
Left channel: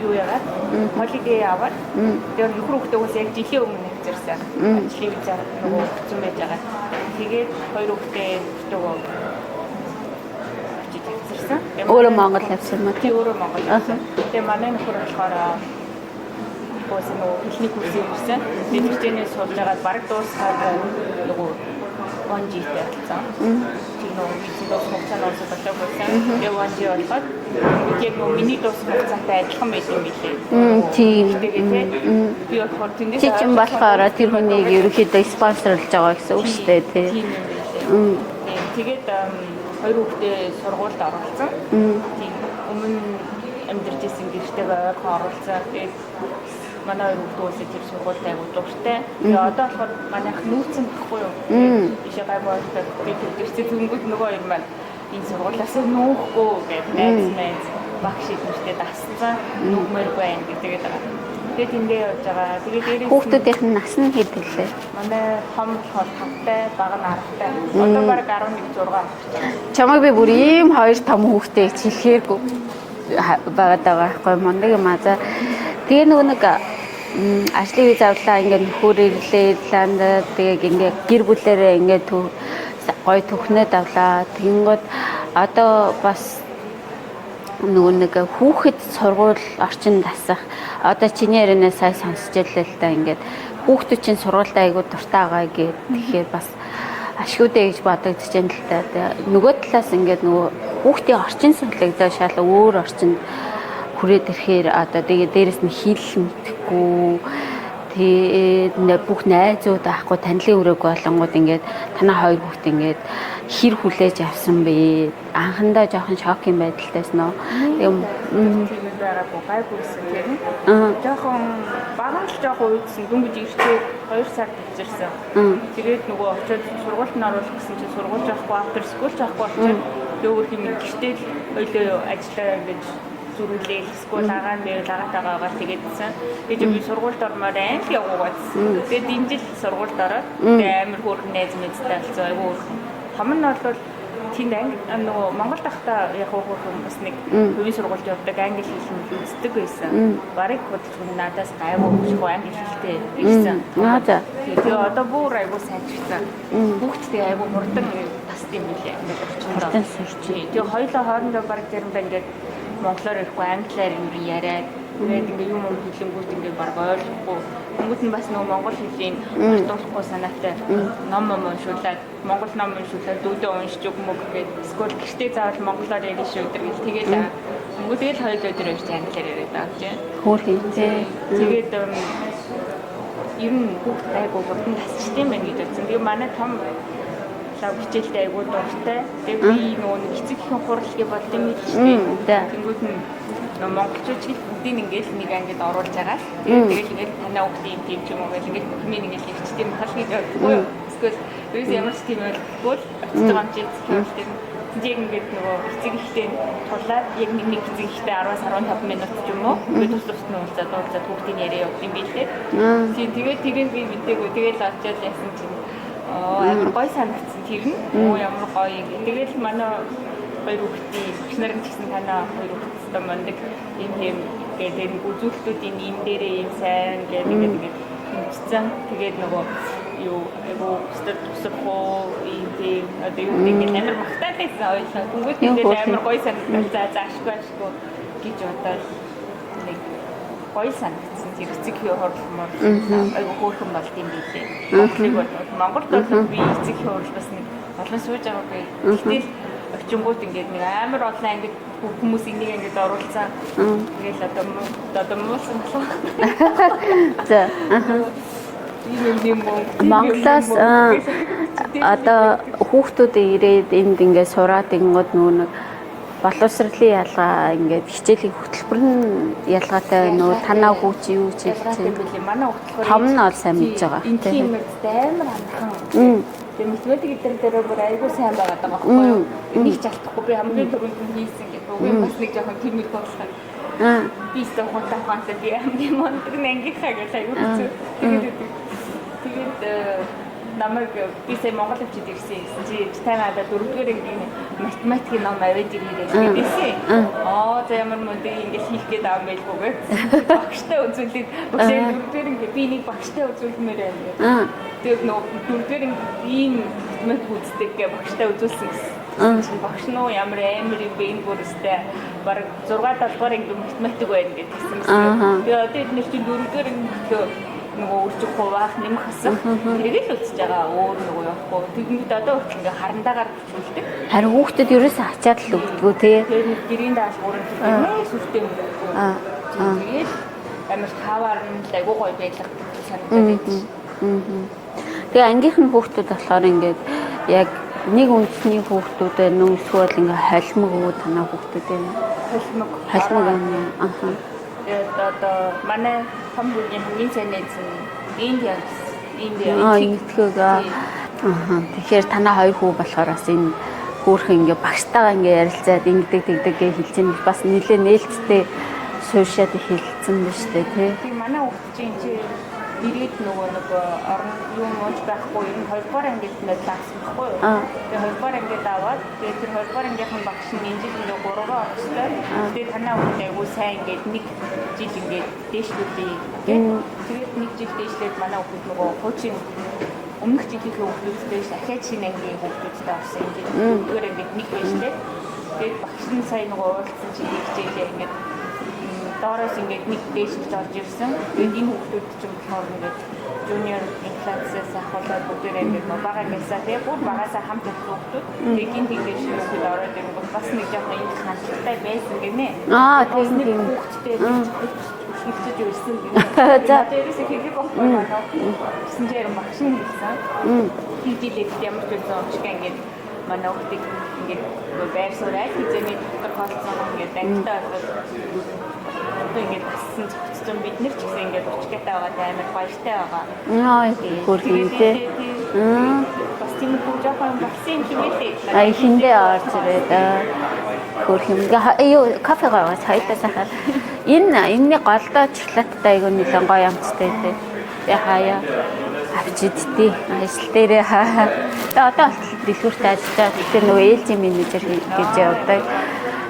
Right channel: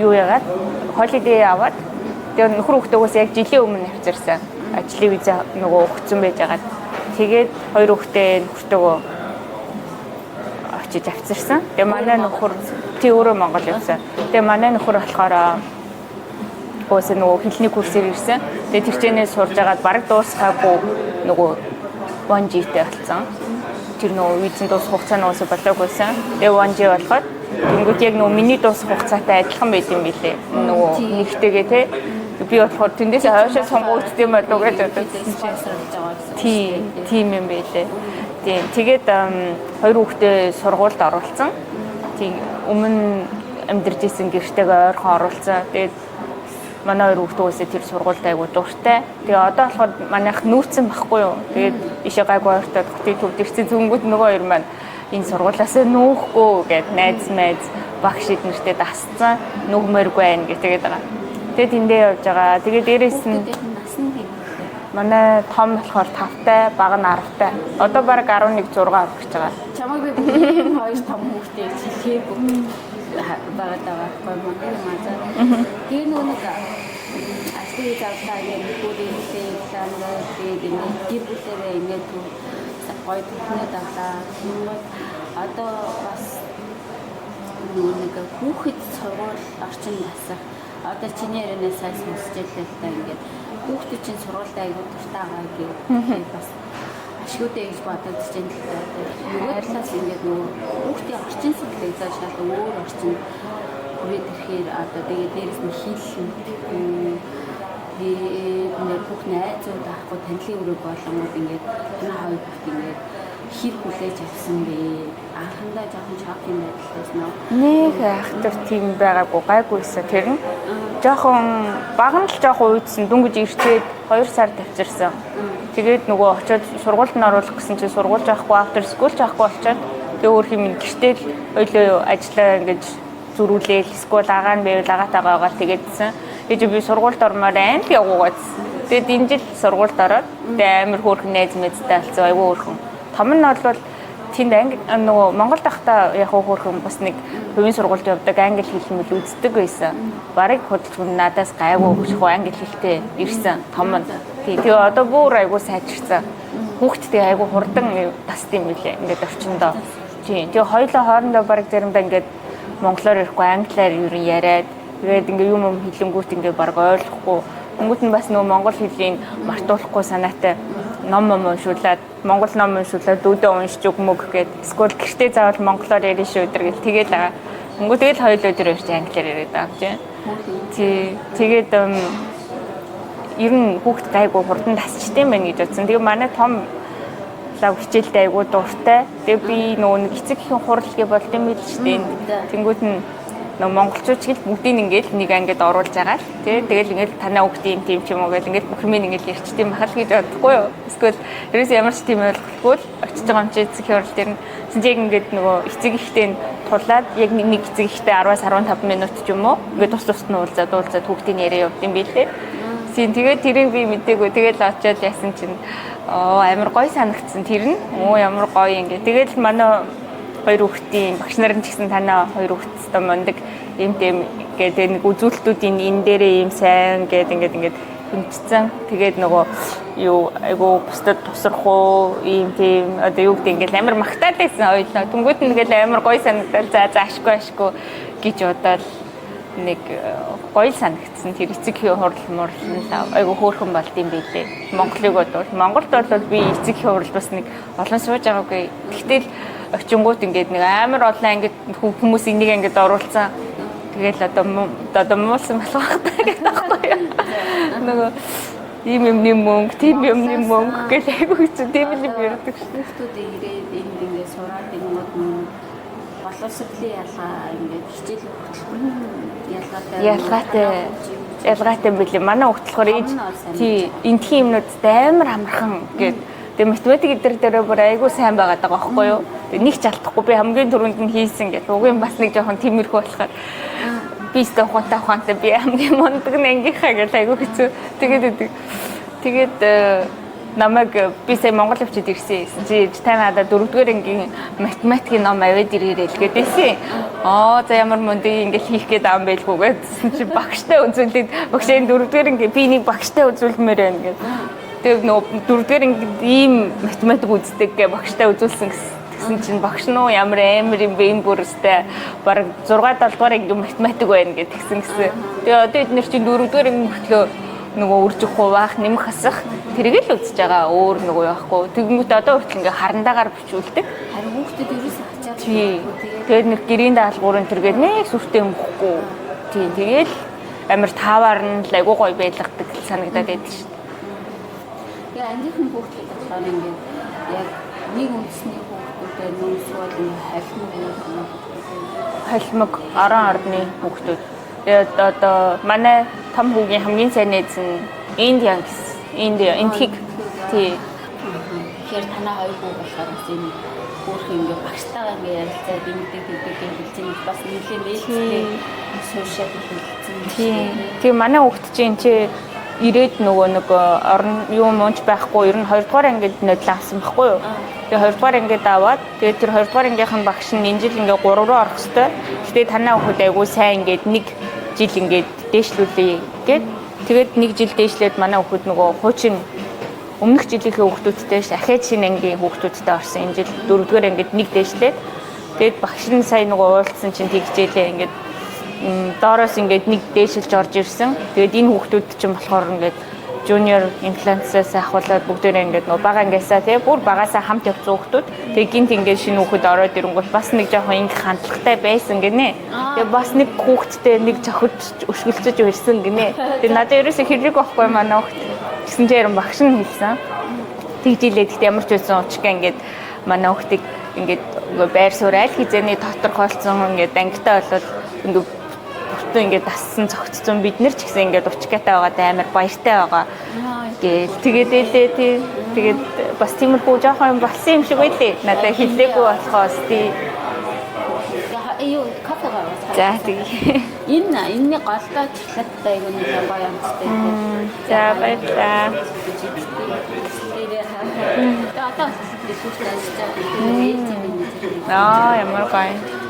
юу яагаад холидей аваад тэгээд нөхөр хүүхдөөс яг жилийн өмнө авчирсан. Ажлын виз нөгөө өгсөн байж байгаа. Тэгээд 2 хүүхдээ нөхөртөөгөө очиж авчирсан. Тэгээд өөрөө Монгол явсан уу? Тий өөрөө Монгол явсан. Тэгээд манай нөхөр болохоор нөгөө хэлний курсээр ирсэн. Тэгээд тэрчнээс сурж агаад бараг дуусгаагүй нөгөө 1G-тэй болсон. Тэр нөгөө визэн дуусах хугацаа нь уусаа болоогүйсэн. Тэгээ 1G болгоод тэнгууд яг нөгөө миний дуусах хугацаатай адилхан байд юм билээ. Нөгөө тиймтэйгээ те. Би болохоор тэндээс болохоор тийм нэг ерөөхдөө спонсорлж байгаа гэсэн үг шүү дээ. Тийм юм байлээ. Тийм. Тэгээд хоёр хүүхдээ сургуульд оруулсан. Тийм өмнө амьдарч исэн гэртэйгээ ойрхон оруулсан. Тэгээд манай хоёр хүүхдөөсөө тэр сургуульд айгуу дуртай. Тэгээ одоо болохоор манайх нүүцэн байхгүй юу. Тэгээд ишээ гайгүй ойртоод тэгээд ирсэн зүнгүүд нөгөө хоёр маань энэ сургуулиас нуухгүй гэдэг найз багш эднэртэй дасцсан нүгмээргүй байна гэж тэгээд байгаа. Тэгээд тэндээ явж байгаа. Тэгээд дээрээс нь хүүхдүүдийнх нь нас нь хэд вэ? манай том болохоор 5-тай, бага нь 10-тай. Одоо баг 11 6 болж байгаа. Чамайг би бүр ийм хоёр том хүүхдээ хилхээгүй байгаад байгаа байхгүй мундаг юм аа. За тэгээ нэг ажлын үе завлаа ингээд нөхөр ирлээ ланд тэгээ ингээд гэр бүлэрээ ингээд гой түүхнээ давлаа. Тэнгод одоо бас нэг хүүхэд сургууль орчинд асах одоо чиний ярианаас сая сонсч яллаа л да ингээд хүүхдүүд чинь сургуультай айгуу дуртай байгаа гэхээр тэгэхээр бас ашгүйдээ гэж бодогдож байна л да. Нөгөө талаас ингээд нөгөө хүүхдийн орчин сонирхлоо шал өөр орчинд хүрээд ирэхээр одоо тэгээ дээрэс нь хэл мэдхгүй тэгээ бүх найзууд аахгүй танилын үрэг болонгууд ингээд танаа хоёр хүүхд ингээд хэр хүлээж авсан бэ? Анхандаа жоохон шокийн байдалтайс нөө. Тийм байгаагүй гайгүйсэн тэр нь. Жоохон баган л жоохон уйдсан дүнгиж ирчээд 2 сар тавьчирсан. Тэгээд нөгөө очиод сургуульд нь оруулах гэсэн чинь сургууль жаахгүй after school жаахгүй болчиход тэгээ өөр юм гэртэл ойлоо ажиллаа ингэж зүрүүлээл эсвэл агаа нь байвал агаатайгаа байгаа тэгээдсэн. Тэгээд би сургуульд ормоор айн л явуугаадсэн. Тэгээд энэ жил сургуульд ороод тэгээд амар хөөрхөн найз мэдтэй болсон айгүй хөөрхөн. Том нь бол тэнд анги нөгөө Монгол дахта яг хөөрхөн бас нэг хувийн сургуульд явдаг англи хэл мэл үздэг байсан. Барыг хөдөлгөөн надаас гайгүй өгчих англи хэлтэй ирсэн. Том. Тэгээ одоо бүр айгүй сайжирсан. Хүүхдтэй айгүй хурдан тасд юм билээ. Ингээд орчиндоо. Тэгээ хоёулаа хоорондоо барыг заримдаа ингээд монголоор ярихгүй англиар юу яриад тэгээд ингээ юм хэлэнгүүт ингээ баг ойлгохгүй. Тэнгүүд нь бас нөгөө монгол хэлийг мартуулахгүй санаатай ном уншуулад монгол ном уншуулад дүүдээ уншиж өгмөг гэд эсвэл гэртээ заавал монголоор ярина шүү өдр гэл тэгээд байгаа. Тэнгүүд тэгэл хоёул өдөр ярьж англиар яриад байгаа гэж. Тэгээд ер нь хүүхд гайгүй хурдан тасчтэй юм байна гэж бодсон. Тэгээ манай том лав хичээлтэй айгуу дуртай. Тэгээ би нөгөө нэг эцэг ихэн хуралгээ болд юм биш үү? Тэнгүүд нь нөгөө монголчууд ч гэл бүгдийг ингээд нэг ангид оруулж байгаа л. Тэгэл ингээд танаа хүүхдийн тийм ч юм уу гэл ингээд бүх юм ингээд ярьчдээ махал гэж бодохгүй юу? Эсвэл ерөөс ямар ч тийм ойлгохгүй л очиж байгаа юм чи эцэг хурал дээр нь яг ингээд нөгөө эцэг ихтэй тулаад яг нэг эцэг ихтэй 10-аас 15 минут ч юм уу ингээд тус нь уулзаад хүүхдийн яриа явд юм билээ. Тэгээд тэрийг би мэдээгүй тэгээд очиод яасан чинь амар гоё санагдсан тэр нь. Ямар гоё юм гээ. Тэгээд манай хоёр хүүхдийн багш нарын ч гэсэн танаа хоёр хүүхдтэй мондөг юм гэдэг нэг үзүүлэлтүүдийн энэ дээрээ юм сайн гэдэг ингээд хэмжсэн. Тэгээд нөгөө юу айгу бусдад тусрах уу ийм тийм одоо юу гэдэг ингээд амар магтаад байсан ойлоо. Тэнгүүд ингээд амар гоё санагдал за ашгүй гэж бодоод нэг гоё санагдсан. Тэр эцэг хүү хурал айгу хөөрхөн болд юм билээ. Монголыг бодвол Монголд бол би эцэг хүү хурал бас нэг олон сууж байгаагүй. Гэтэл очингууд ингээд нэг амар олон ангид хүмүүс энийг ингээд оруулсан. Тэгэл одоо муусан болох байна. За. Тийм юм мөнгө гэж айгу тийм. Одоо хүүхдүүд ирээд энд ингээд сураад ингод нөгөө боловсролын ялгаа ингээд хичээлийн хөтөлбөр нь ялгаатай нөгөө танаа хүүч юу ч ялгаатай юм билээ. Манай хөтөлбөр том нь ол сайн мэдж байгаа. Энэ тийм юмнуудтай амар амархан тэгээд тэгээ математик дээр бүр айгүй сайн байгаад байгаа байхгүй юу? Нэг ч алдахгүй би хамгийн түрүүнд нь хийсэн гэх. Угийн бас нэг жоохон тиймэрхүү болохоор би өстө ухаантай би хамгийн мундаг ангийнхаа гэж айгүй хэцүү. Тэгээд намайг би сая Монгол явчид ирсэн. Чи танаа 4-р ангийн математикийн ном аваад ирээрэй гэдээсэн. За ямар мундаг ингэж хийх гээд аам байлгүй гэсэн чи багштай үзүүлээд багшаа 4-р анги би нэг багштай үзүүлмээр байна гэж. Тэгээд нөгөө 4-р анги ийм математик үздэг гэ багштай үзүүлсэн гэсэн чинь багш нөө ямар амар юм бэ энэ бүрстэй баг 6-7 дугаар анги математик байна гэдгсэн гэсэн. Тэгээд одоо эдгээр чинь 4-р анги мөртлөө нөгөө үржих хуваах, нэмэх хасах тэрийг л үзэж байгаа. Өөр нөгөө яахгүй. Тэгэнгүүт одоо хүртэл ингээ харандаагаар бичүүлдэг. Харин хүүхдэд ерөөсөө ачаад л өгдөггүй тий. Тэгээд нэг гэрийн даалгаврын тэргээд нэг сүртэй өмхгүй. Тэгээд амар таавар нь л айгуу гоё байлгадаг санагдаад байдаг шүү. Тэгээ ангийнхан хүүхдүүд болохоор ингээд яг нэг үндэсний хүүхдүүд байна уу эсвэл ингээ холимог уу танаа хүүхдүүд байна. Холимог 10 орны хүүхдүүд. Тэгээд одоо манай том хүүгийн хамгийн сайн нээз нь Индиан тэгэхээр танаа хоёр хүү болохоор бас энэ хөөрхөн ингээ багштайгаа ингээ ярилцаад ингэдэг тэгдэг гэж хэлж байгаа бас нэлээ нээлттэй суушаад хэлсэн байна шүү дээ. Тэгээ манай хүүхд чинь ирээд нөгөө нэг орон юу мууч байхгүй ер нь 2 дугаар ангид нодлоо авсан байхгүй юу. Тэгээ 2 дугаар ангид аваад тэгээ тэр 2 дугаар ангийнхын багш нь энэ жил ингээ 3 руу орох ёстой. Тэгээ танаа хүүхд айгуу сайн ингээд нэг жил ингээд дээшлүүлээ гэд тэгээд нэг жил дээшлээд манай хүүхд нөгөө хуучин өмнөх жилийнхээ хүүхдүүдтэй ахиад шинэ ангийн хүүхдүүдтэй орсон энэ жил 4 дугаар ангид нэг дээшлээд тэгээд багш нь сая нөгөө уулзсан чинь тэгжээлээ ингээд доороос ингээд нэг дээшилж орж ирсэн. Тэгээд энэ хүүхдүүд чинь болохоор ингээд junior influencer-аас ахуулаад бүгдээрээ ингээд нөө бага ангиасаа тий бүр багаасаа хамт явсан хүүхдүүд. Тэгээд гинт ингээд шинэ хүүхэд ороод ирэнгүүт бас нэг жоохон ингэ хандлагатай байсан гинэ. Тэгээд бас нэг хүүхэдтэй нэг цохиж өшгөлцөж ирсэн гинэ. Тэгээд надад ерөөсөө хэрэг байхгүй манай хүүхд. Гэсэн чинь яран багш нь хэлсэн. Тэгжилээ гэхдээ ямар ч байсан учиг ингээд манай хүүхдийг ингээд байр суурь аль хизээний тодорхойлцсон ингээд ангитай болоод ингээд ингээд бассан цогцсон бид нар ч гэсэн ингээд учгатай байгаад амар баяртай байгаа. Тэгээд бас тиймэрхүү жоохон юм болсон юм шиг байлээ. Надад хэлээгүй болохоос юу кофе гаваас хайсаа. Энэ голдоо шоколадтай айгуу нэлээд гоё амттай дээ. Яа авчидтэй. Ажил дээрээ одоо дэлгүүрт ажиллаж байгаа. Тэгэхээр нөгөө ээлжийн менежер гэж явдаг.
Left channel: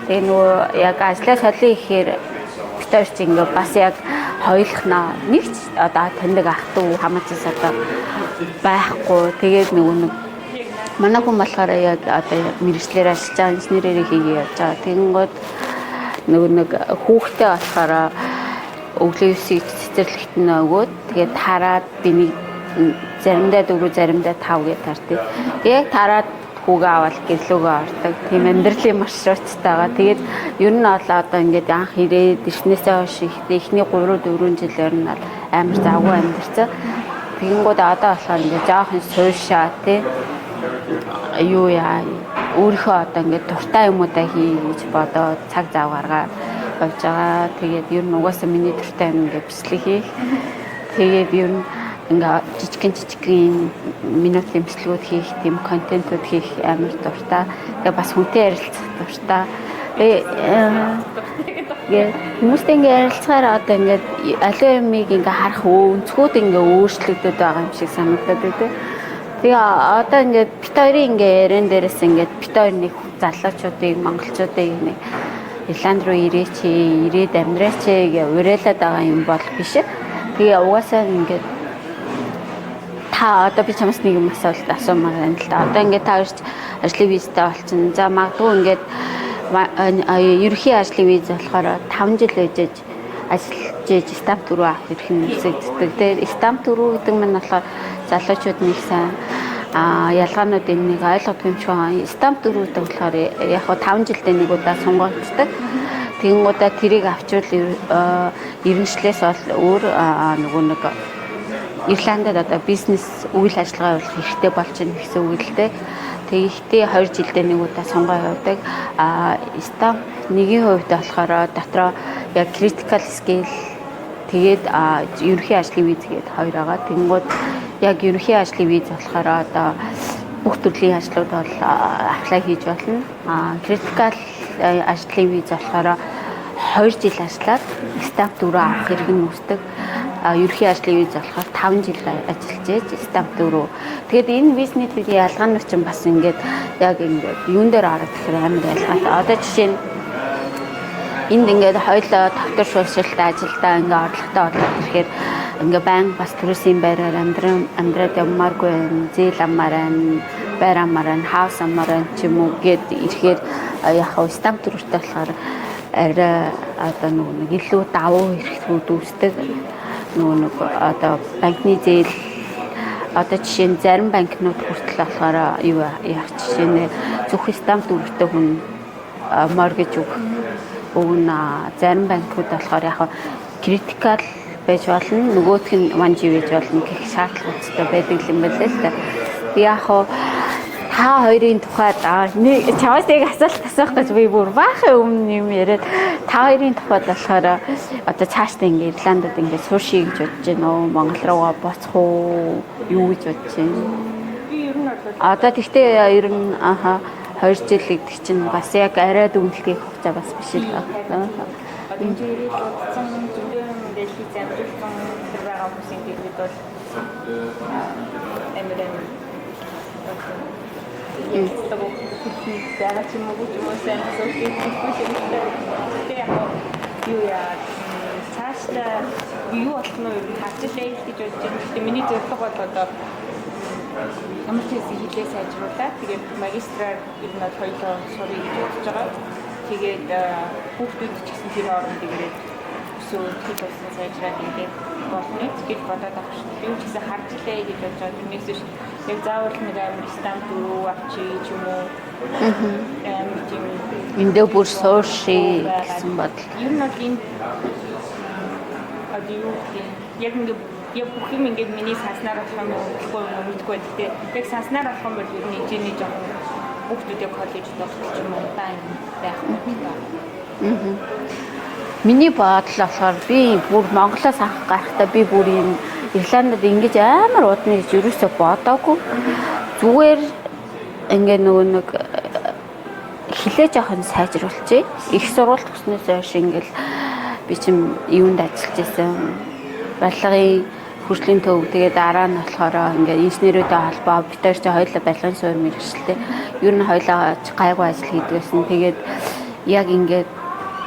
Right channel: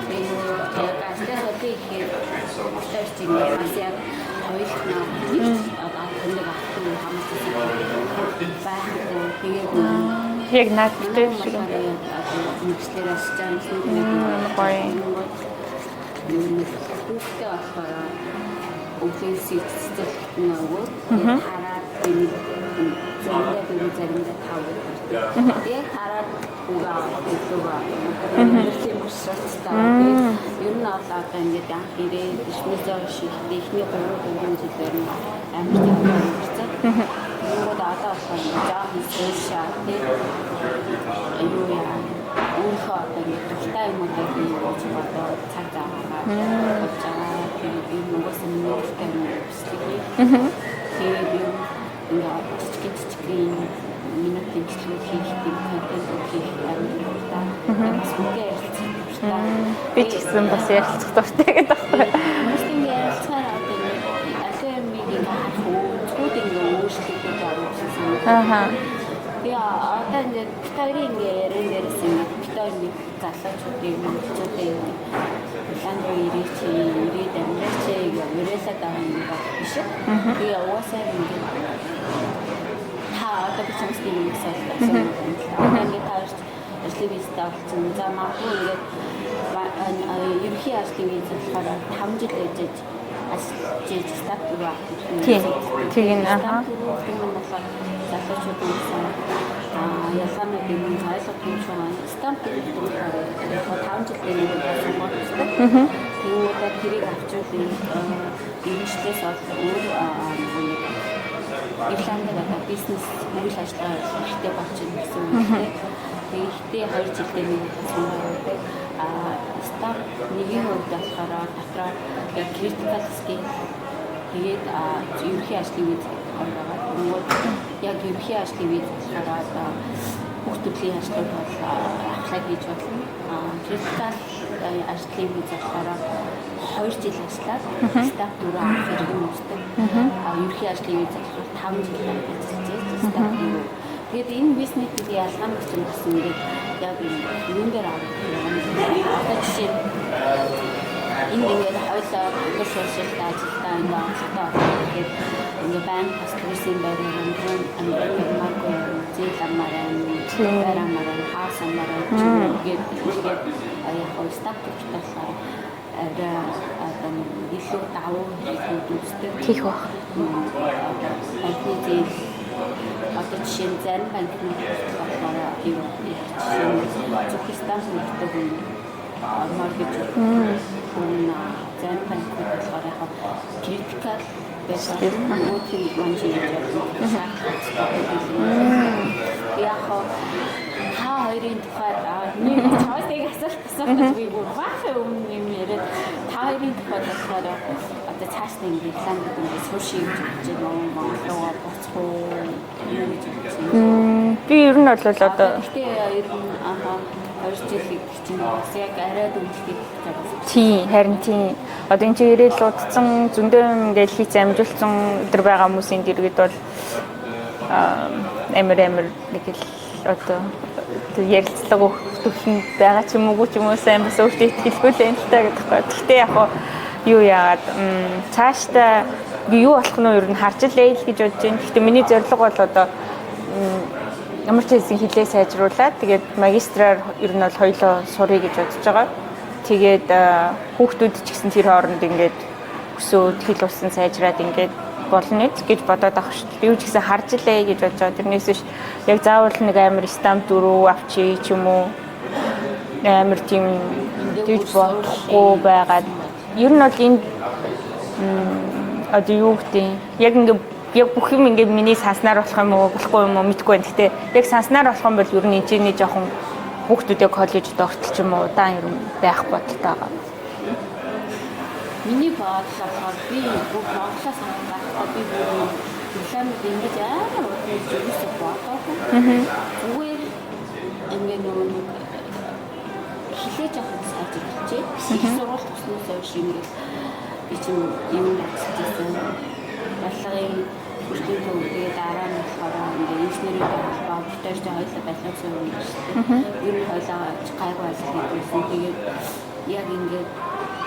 Тэгээ нөгөө яг ажлаа солио ихээр битэрч ингээ бас яг хоёулахнаа нэг ч одоо тэндэг ах トゥ хамаацаас одоо байхгүй. Тэгээд нөгөө яг манай хүн болохоор яг одоо мэрэгчлэр ажиллаж байгаа инженерээр хийгээ явж байгаа. Тэгэнгүүт нөгөө нэг хүүхдээ болохоор өглөө 9-ийг цэцэрлэгт нь өгөөд тэгээд хараад би нэг заримдаа 4 заримдаа 5 гэж тартыг. Яг тараад хүүгээ аваад гэрлөөгөө ордог. Тийм амьдралын маршруттайгаа. Тэгээд ер нь одоо ингээд анх ирээд ирснээсээ хойш ихний 3-4 жилээр нь амар завгүй амьдэрсэн. Тэгэнгүүт одоо болохоор ингээд жоохон суушаа тий юу яа өөрийнхөө одоо ингээд туртаа юмудаа хий гэж бодоод цаг зав гаргаад явж байгаа. Тэгээд ер нь угаасаа миний туртаа юм ингээд бичлэг хийх. Тэгээд ер нь ингээ жижигхэн минут имслэгүүд хийх, тийм контентууд хийх амар дуртай. Тэгээ бас хүнтэй ярилцах дуртай. ярилцах дуртай гэдэг. Хүмүүстэй ингээ ярилцахаар одоо ингээ аливаа юмыг ингээ харах өнцгүүд ингээ өөрчлөгдөд байгаа юм шиг санагдаад байна. Тэгээ одоо ингээ бит хоёрын ингээ ярен дээрээс ингээ бит хоёр нэг залуучуудыг, монголчуудыг нэг Ирланд руу ирээд амьдраач гэж уриалаад байгаа юм бол биш. Тэгээ угаасаа ингээ та одоо би чамаас нэг юм асуулт асуумаар байна л да. Одоо ингээд та ирж ажлын визтэй болчихно. За магадгүй ингээд ерөнхий ажлын виз болохоор 5 жил ээжэж ажиллаж ээж стамп төрөө авах хэрэг юм үзэгддэг. Тэгээд стамп төрөө гэдэг нь болохоор залуучууд нэг сайн ялгаанууд юм нэг ойлгох юм шиг байна. Стамп төрөөд болохоор яг 5 жилдээ нэг удаа сонгогддог. Тэгэнгүүтээ тэрийг авчвал иргэншлээс бол өөр нөгөө нэг Ирландд одоо бизнес үйл ажиллагаа явуулах хэрэгтэй болж байна гэсэн үг л дээ. Тэгэхдээ 2 жилдээ нэг удаа сонгоо явуулдаг. Стамп нэгийн хувьд болохоор дотроо яг critical skill тэгээд ерөнхий ажлын виз гэдэг хоёр байгаа. Тэнгууд яг ерөнхий ажлын виз болохоор одоо бүх төрлийн ажлууд бол аплай хийж болно. Critical ажлын виз болохоор 2 жил ажиллаад стамп дөрөв авах хэрэг нь үүсдэг. Ерөнхий ажлын виз болохоор 5 жил ажиллаж ээж стамп дөрөв. Тэгээд энэ визний ялгаанууд чинь бас ингээд яг ингээд юун дээр орох гэхээр амар ялгаатай. Одоо жишээ нь энд ингээд хоёлоо доктор шуулшилтаа ажилдаа ингээд орлоготой ороод ирэхээр ингээд баян бас төрөөсийн байраар амьдраад явмааргүй юм. Зээл амаараа, байр амаараа, хаус амаараа ч юм уу гээд ирэхээр яг стамп дөрөвтэй болохоор арай одоо нэг илүү давуу эрхлүүд үүсдэг. Нэг одоо банкны зээл одоо жишээ нь зарим банкнууд хүртэл болохоор юу яах жишээ нь зөвхөн стамп өгдөг хүн моргэж өгнө. Зарим банкуд болохоор яг критикал байж болно, нөгөөх нь ванжи байж болно гэх шаардлагатай байдаг юм байна л да. Яг та хоёрын тухайд чамаас нэг асуулт асуух гэж би бүр баахын өмнө юм яриад та хоёрын тухайд болохоор одоо цаашдаа ингээд Ирландд ингээд сууши гэж бодож байна уу? Монгол руугаа буцах уу? Юу гэж бодож байна? Би ер нь бол одоо тэгтээ ер нь 2 жил гэдэг чинь бас яг арай дүнлэхийг хугацаа бас биш. Тийм, харин тийм. Одоо энэ чинь ирээд луудсан зөндөө ингээд хийц амжилтсан өдр байгаа хүмүүсийн дэргэд бол амар нэг л одоо ярилцлага өгөх байгаа ч юм уу ч юм уу сайн бас өөртөө итгэлгүй л энэ таа гэдэг байна. Гэхдээ яг юу яагаад цаашдаа би юу болох нь ер нь харж илээ л гэж бодож байна. Гэхдээ миний зорилго бол одоо ямар ч хэлсэн хэлээ сайжруулаад тэгээд магистраар ер нь бол хоёлоо сурыг гэж бодож байгаа. Тэгээд хүүхдүүд ч гэсэн тэр хооронд ингээд өсөөд хэл усан сайжраад ингээд болно гэж бодоод авах шүү дээ. Би ч гэсэн харж илээ гэж бодож байгаа. Тэрнээс биш яг заавал нэг амар стамп дөрөв авчи ч юм уу. Амар тийм эндээ бүр сууши байгаад бодол. Ер нь бол энэ одоо юу гэдэг яг ингээд яг бүх юм ингээд миний санснаар болох юм уу болохгүй юм уу мэдэхгүй байна. Гэхдээ яг санснаар болох юм бол ер нь энэ жоохон хүүхдүүдээ коллежид ортолч юм уу удаан юм байх бодтой байгаа. Миний бодол болохоор би бүр Монголоос анх гарахдаа би бүр юм Ирландд ингэж амар удна гэж юусоо бодоогүй. Зүгээр ингээ нөгөө нэг хилээ жоохон сайжруулчих. Их сургууль төснөөс хойш ингээл би чим юунд ажиллаж байсан. Барилгын хөгжлийн төв тэгээд дараа нь болохоор ингээ инженерүүдтэй холбоо бид хоёр ч хоёулаа барилгын суурь мэргэжлээ. Ер нь хоёулаа гайгүй ажил хийдгсэн. Тэгээд яг ингээд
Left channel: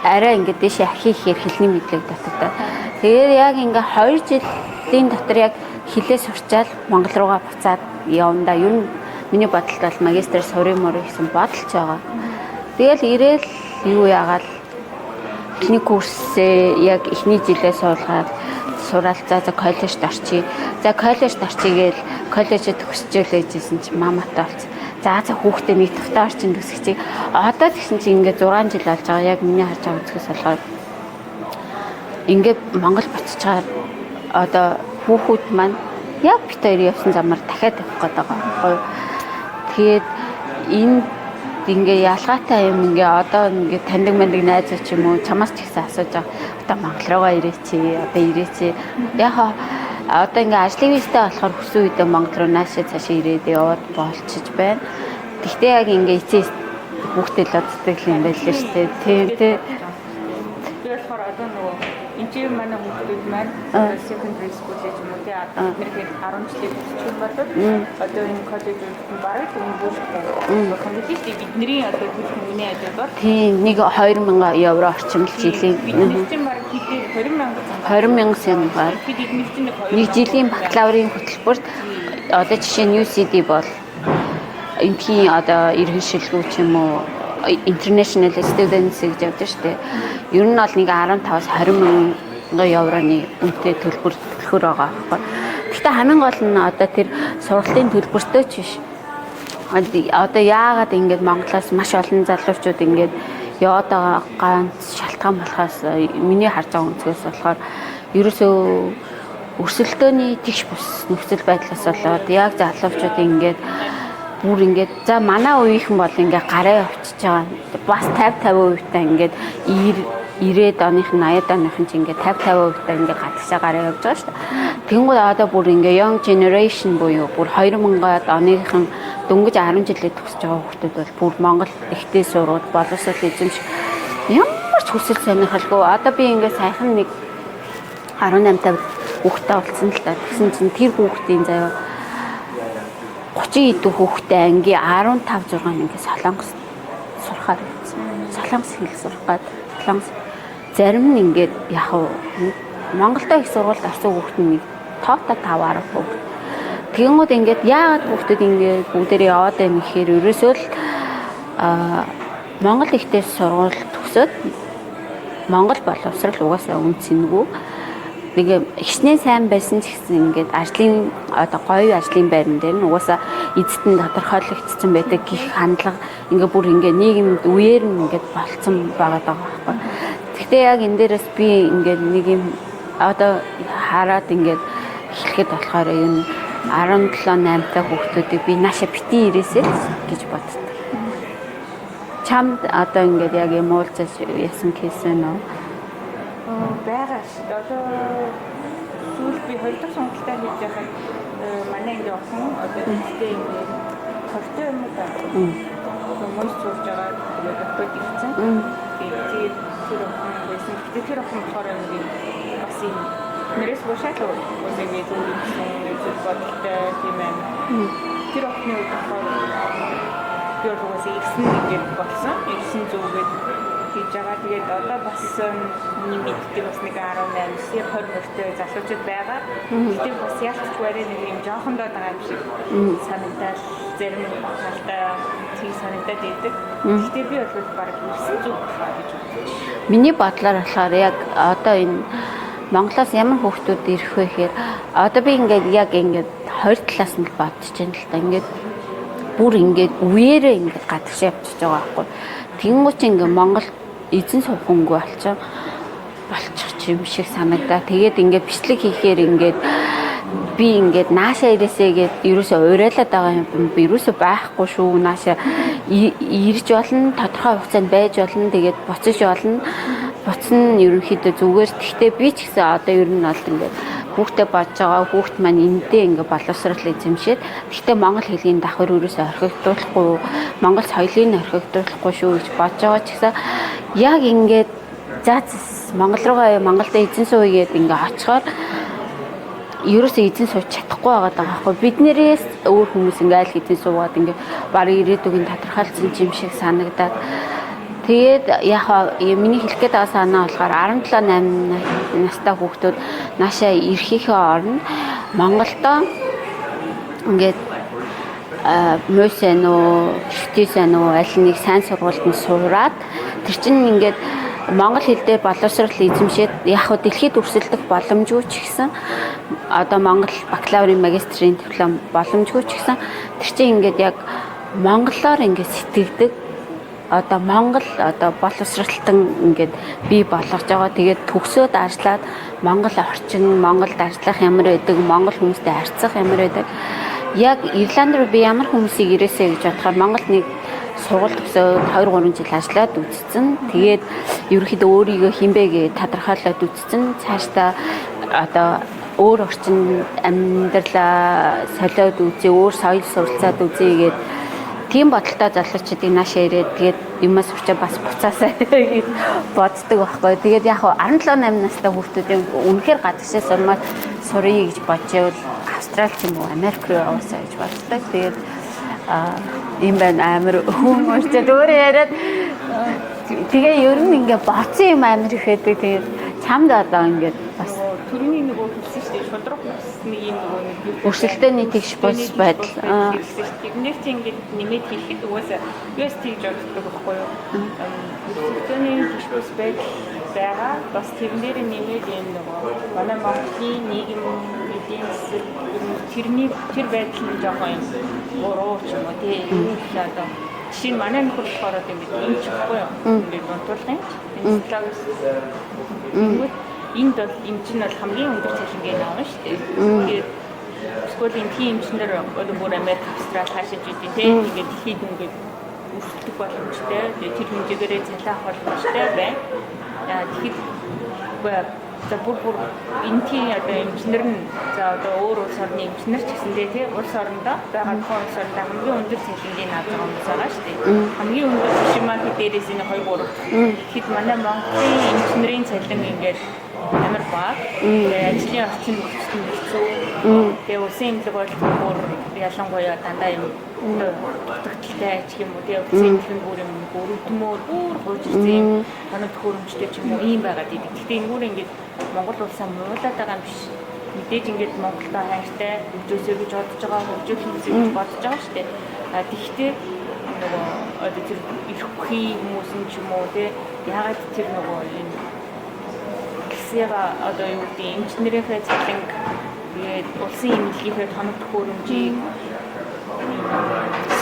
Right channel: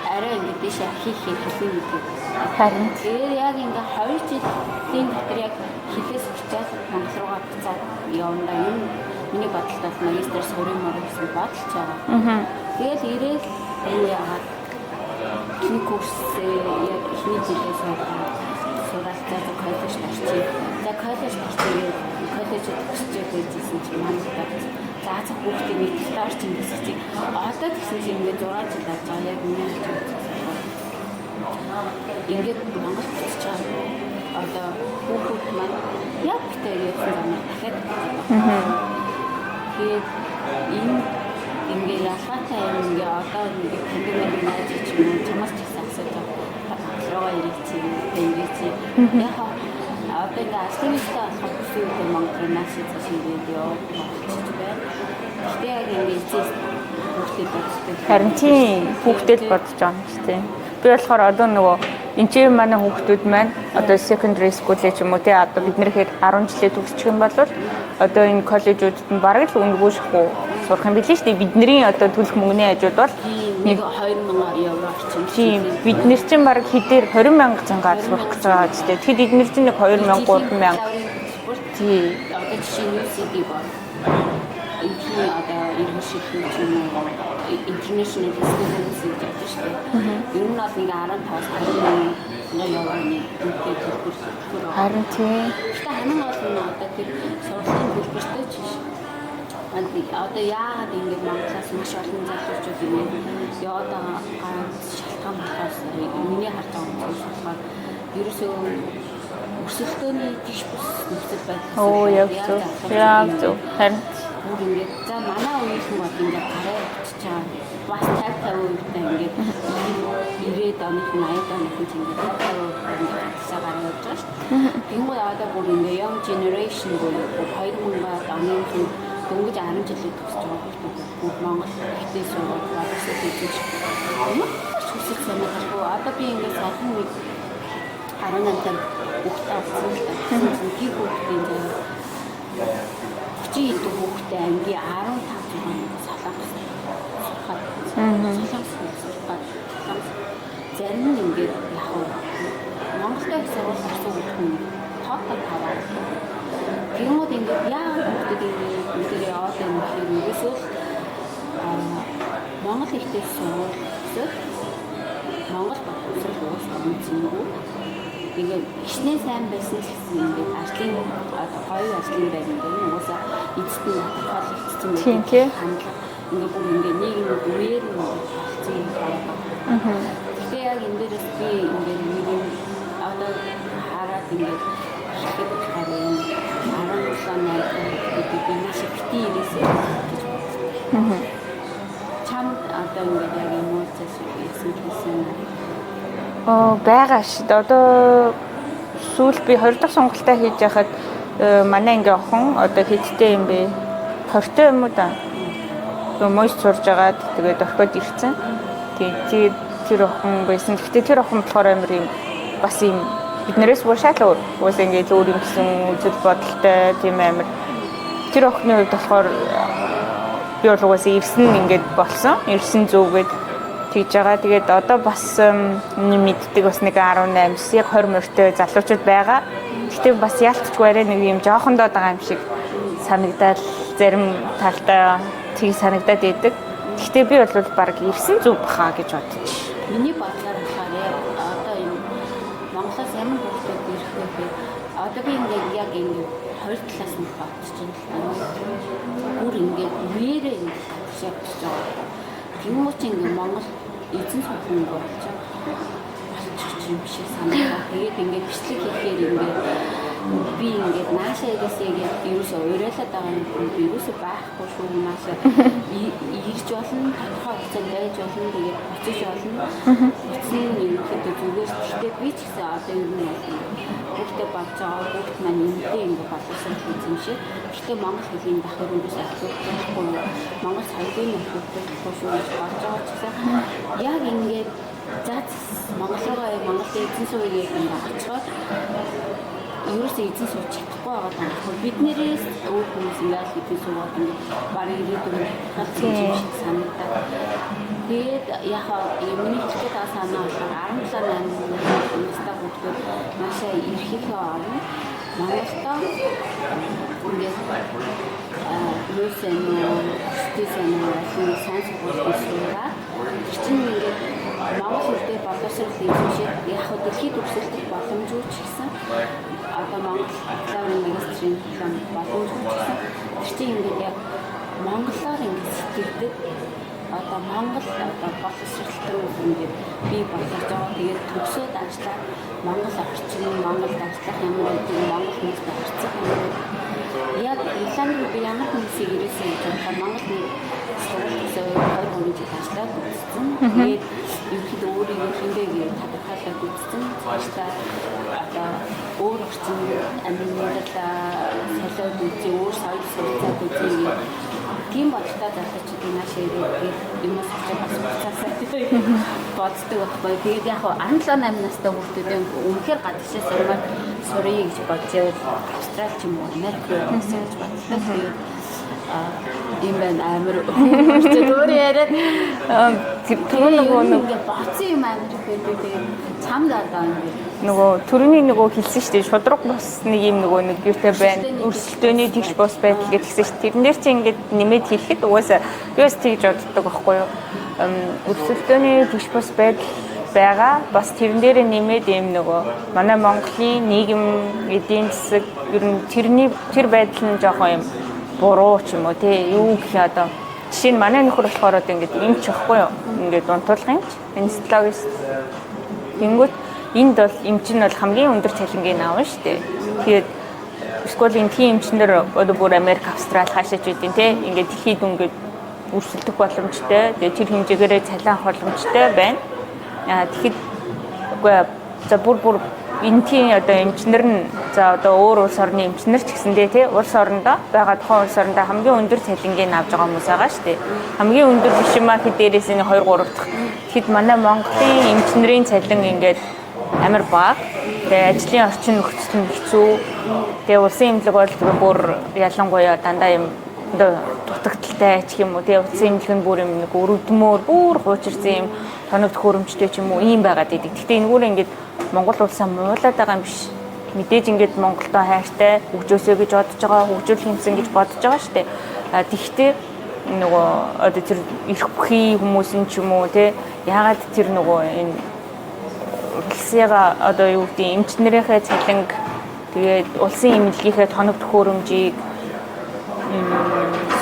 арай ингээд дэше хийхээр хэлний мэдлэг татдаг. Тэгээд яг ингээ 2 жилийн дотор яг хилээ сурчаад Монгол руугаа буцаад явна. Ер нь миний бодолд бол магистр сурын мөр гэсэн бодолч байгаа. Тэгэл ирээл юу яагаад эхний курсээ яг эхний жилээ суулгаад сураад за коллежд орчие. За коллежд орчие гээл коллежид төгсчихлээжсэн чи маматай болсон. За хүүхдээ нэг тавтаа орчин төсөгчийг одоо тэгсэн чи ингээд 6 жил болж байгаа. Яг миний харж байгаа үзэхээс болохоор ингээд Монгол буцаж чагаад одоо хүүхүүд маань яг бит хоёр явсан замаар дахиад тавих гээд байгаа байхгүй юу. Тэгээд энэ ингээ ялгаатай юм ингээ одоо ингээ таньдаг мэндэг найз ч юм уу чамаас ч ихсэн асууж байгаа. Одоо Монгол руугаа ирээч. Одоо ирээч. Яг одоо ингээ ажлын визтэй болохоор хүссэн үедээ Монгол руу наашаа цаашаа ирээд яваад болчихж байна. Гэхдээ яг ингээ эцэс хүүхдэл оддаг юм байна шүү дээ. Хүүхдэл бодож байгаа юм шүү дээ. Би болохоор одоо нөгөө энэ чинь манай хүүхдүүд маань одоо secondary school ч юм уу тий одоо бид нэр хэд 10 жилээ төгсчих юм бол одоо энэ коллежуудад нь бараг л өнгөрөөсөхгүй сурах юм билээ шүү дээ. Бидний одоо төлөх мөнгөний хажууд бол тийм нэг 2000 евро орчим жилийн бид нэр чинь бараг хэдээр 20,000 цангаар 20,000 цангаар шүү дээ. Тэгэд эдгээр чинь 2,000 жилийн бакалаврын хөтөлбөрт одоо жишээ нь UCD бол энэхийн одоо иргэн шилгүү ч юм уу international students гэж явдаг шүү дээ. Ер нь бол нэг 15-аас 20,000 евроны үнэтэй төлбөр байгаа байхгүй. Гэхдээ хамгийн гол нь одоо тэр сургалтын төлбөртэй ч биш. Одоо яагаад ингэж Монголоос маш олон залуучууд ингэж яваад байгаа ганц шалтгаан болохоос миний харж байгаа үнэс болохоор ерөөсөө өрсөлдөөний тэгш бус нөхцөл байдлаас болоод яг залуучууд ингэж бүр ингээд за манай үеийнхэн бол ингээд гараа явчихж байгаа. Бас 50-50% та ингээд 90-ад оныхын 80-ад оныхын ч ингээд 50-50% та ингээд гадагшаа гараа явж байгаа шүү дээ. Тэнгууд одоо бүр ингээд young generation буюу бүр 2000-ад оныхын дөнгөж 10 жилээ төгсөж байгаа хүмүүс бол бүр Монгол ихтэй сурууд боловсрол эзэмш ямар ч хүсэл сонирхолгүй. Одоо би ингээд саяхан нэг 18-тай хүүхдтэй уулзсан л та. Тэгсэн чинь тэр хүүхдийн заяа 30 идэх хүүхдээ ангийн 15 6 ингээ солонгос сурахад солонгос хэл сурахад солонгос зарим нь ингээд яг Монголдо их сургуульд орсон хүүхд нь тоотоо 5 10 хүүхд. Тэгэнгүүт ингээд яагаад хүүхдүүд ингээд бүгдээрээ яваад байна гэхээр ерөөсөө л Монгол ихтэй сургууль төгсөөд Монгол боловсрал угаасаа үнцэнгүй. Тэгээ ихснээ сайн байсан ч гэсэн ингээд ажлын одоо гоё ажлын байран дээр нь угаасаа эзэд нь тодорхойлогдсон байдаг гэх хандлага ингээд бүр ингээд нийгэмд үеэр нь ингээд болцсон байгаа даа. Гэхдээ яг энэ дээрээс би ингээд нэг юм одоо хараад ингээд эхлэхэд болохоор энэ 17-8 та хүүхдүүдийг би нааша битгий ирээсэй гэж боддог. Чамд одоо ингээд яг юм уулзаж ясан хийсэн үү? Байгаа шүү. Одоо сүүлд би 20 дахь сонголтоо хийж яхад манай ингээ охин одоо хэдтэй юм бэ? 20 юм уу та? Мөс сурж агаад тэгээд орхиод ирсэн. Тэгээд тэр охин байсан. Гэхдээ тэр охин болохоор амар юм бас юм биднээс уушаалаа уус ингээ зөөр юм гэсэн үзэл бодолтой тийм амар. Тэр охины хувьд болохоор би бол угаасаа ирсэн ингээд болсон. Ирсэн зүгээд тэгж байгаа. Тэгээд одоо бас мэддэг бас нэг 18-с яг 20 мөртэй залуучууд байгаа. Гэтэ бас яалтчгүй арай нэг юм жоохондоо байгаа юм шиг санагдаад зарим талдаа тийг санагдаад идэг. Гэтэ би бол баг ирсэн зүг баха гэж бодчих. Миний бодлоор болохоор яг одоо энэ Монголоос ямар хүүхдүүд ирэх вэ гэхээр одоо би ингээд яг ингээд 20 талаас нь бодож байна л да. Ингээд бүр ингээд үеэрээ ингээд гадагш явчихж байгаа байхгүй. Тэнгуүч ингээ Монгол эзэн сухангүй болчих юм шиг санагдаа. Тэгээд ингээ бичлэг хийхээр ингээд би ингээд нааша ирээсэй гэд ерөөсөө уриалаад байгаа юм. Би ерөөсөө байхгүй шүү. Нааша ирж болно, тодорхой хугацаанд байж болно. Тэгээд буцаж болно. Буцна нь ерөнхийдөө зүгээр. Гэхдээ би ч гэсэн одоо ер нь бол ингээд хүүхдээ бодож байгаа хүүхд маань эндээ ингээ боловсрал эзэмшээд гэхдээ монгол хэлний давхар өрөөсөө орхигдуулахгүй монгол соёлыг орхигдуулахгүй шүү гэж бодож байгаа ч гэсэн яг ингээд заац монгол руугаа Монголд эзэн сууя гэдэг ингээ очихоор ерөөсөө эзэн сууж чадахгүй байгаа байхгүй биднэрээс өөр хүмүүс ингээ аль эзэн суугаад ингээ баг ирээдүгийн тодорхойлсон юм шиг санагдаад тэгээд яг миний хэлэх гээд байгаа санаа болохоор 17-8 настай хүүхдүүд наашаа ирэхийнхээ оронд Монголдо ингээд мөсөн үү, шүтээсэн үү, аль нэг сайн сургуульд нь сураад тэр чинь ингээд монгол хэл дээр боловсрал эзэмшээд яг хөө дэлхийд өрсөлдөх боломжгүй ч гэсэн одоо монгол бакалаврын магистрийн диплом боломжгүй ч гэсэн тэр чинь ингээд яг монголоор ингээд сэтгэгдэг одоо Монгол одоо боловсралтан ингээд бий болгож байгаа. Тэгээд төгсөөд ажиллаад Монгол орчин, Монголд ажиллах ямар байдаг, Монгол хүмүүстэй харьцах ямар байдаг. Яг Ирланд руу би ямар хүмүүсийг ирээсэй гэж бодохоор Монгол нэг сургууль төгсөө 2-3 жил ажиллаад үзсэн. Тэгээд ерөөхдөө өөрийгөө хинбэ гэж тодорхойлоод үзсэн. Цаашдаа одоо өөр орчин амьдралаа солиод үзье, өөр соёл суралцаад үзье гэдэг тийм бодолтой залуучуудыг наашаа ирээд тэгээд юмас урчаа бас буцаасаа боддог байхгүй. Тэгээд яг 17-8 настай хүүхдүүдийн үнэхээр гадагшаа сурмаар сурыг гэж бодчихвол Австрали ч юм уу Америк руу яваасаа гэж бодлоо. Тэгээд ийм байна амар хүмүүс өөр яриад тэгээ ер нь ингээ боцсон юм амар их байдаг. Тэгээд чамд одоо ингээд нөгөө төрөний нөгөө хэлсэн шүү дээ шудраг бус нэг юм нөгөө нэг юутай гэртний бус байдал гэсэн шүү. Тэрнээр чи ингээд нэмээд хэлэхэд угаасаа би бас тэгж боддог байхгүй юу. Өсөлтөний гэрш бус байдал байгаа. Бас тэрэн дээр нэмээд юм нөгөө манай Монголын нийгэм эдийн засаг ер нь тэр байдал нь жоохон юм буруу ч юм уу тий юу гэх одоо жишээ нь манай нөхөр болохоор одоо ингээд юм ч ихгүй юу. Ингээд унтуулгын энэ слогист Ингүүт энд бол эмч нь бол хамгийн өндөр цалингийн аавн шүү дээ. Тэгээд эсвэл энэ тийм эмчнэр одоо бүр Америк, Австрали хаашаач үдин тийм ингээд дэлхийд ингээд өрсөлдөх боломжтой. Тэгээд тэр хэмжээгээр цалин авах боломжтой байна. Тэгэхэд үгүй за бүр энэ тийм одоо эмчнэр нь за одоо өөр улс орны эмчнэр ч гэсэндээ тий улс орондоо байгаа тухайн улс орондоо хамгийн өндөр цалингийн авж байгаа хүмүүс байгаа шүү дээ. Хамгийн өндөр биш юм аа дээрээс нь 2 3 дахь. Тэгэхэд манай Монголын эмчнэрийн цалин ингээд амар бага. Ажлын орчин нөхцөл нь хэцүү. Тэгээ улсын эмнэлэг бол бүр ялангуяа дандаа юм дутагдaltaй ч юм уу тий улсын эмнэлэг нь бүр юм нэг өрөвдмөр бүр хуучирсан юм тоног төхөөрөмжтэй ч юм уу ийм байгаад идэг. Гэхдээ энэгээр ингээд Монгол улсаа муулаад байгаа юм биш. Мэдээж ингээд Монголтой хайртай хөгжөөсөө гэж бодож байгаа, хөгжүүл хэмжээ гэж бодож байгаа шүү дээ. Тэгэхдээ нөгөө одоо тэр эрх бүхий хүмүүсийн ч юм уу те яагаад тэр нөгөө энэ улсыгаа одоо юу гэдэг эмчнэрийнхээ цалинг тэгээд улсын эмнэлгийнхээ тоног төхөөрөмжийг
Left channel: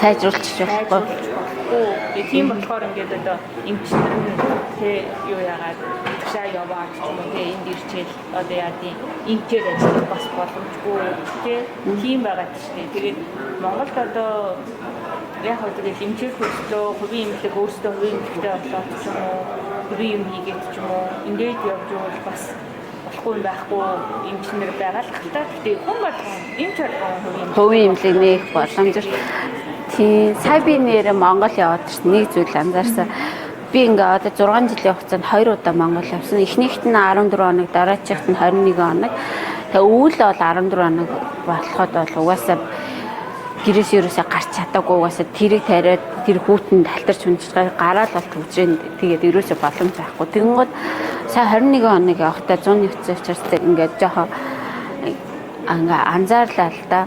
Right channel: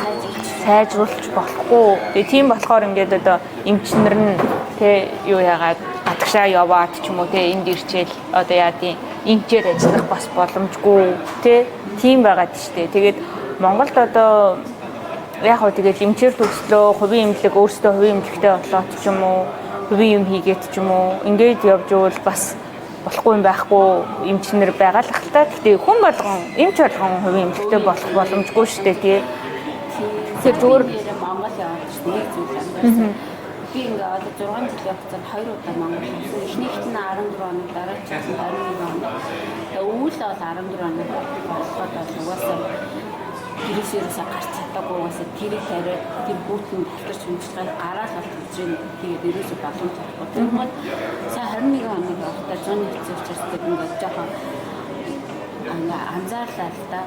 сайжруулж болохгүй. Тэгээ тийм болохоор ингээд одоо эмчнэр нь тэ юу яагаад гадагшаа яваад ч юм уу тэ энд ирчээл одоо яадын эмчээр ажиллах бас боломжгүй тэ тийм байгаад штэ. Тэгээд Монголд одоо яг хөө тэгээд эмчээр хөдлөө хувийн эмнэлэг өөрсдөө хувийн эмнэлэгтэй болоод ч юм уу хувийн юм хийгээд ч юм уу ингээд явж ивэл бас болохгүй юм байхгүй эмчнэр байгаа л ахaltaа. Гэхдээ хүн болгон эмч болгон хувийн эмнэлэгтэй болох боломжгүй шүү дээ. Тийм. Сая би нэр Монгол яваад чинь нэг зүйл анзаарсан. Би ингээ одоо 6 жилийн хугацаанд 2 удаа Монгол явсан. Эхнийхт нь 14 хоног, дараачихт нь 21 хоног. Тэгээ өвөл бол 14 хоног болоход бол угаасаа гэрээс ерөөсөө гарч чадаагүй угаасаа тэрийг тариад тэр хүүтэнд талтарч хүнжиж гараад бол төвжрэн тэгээд ерөөсөө боломж байхгүй. Тэгэнгүүт сая 21 хоног явахдаа 100 нэгцээ учраас ингээд жоохон ингээ анзаарлаа л да.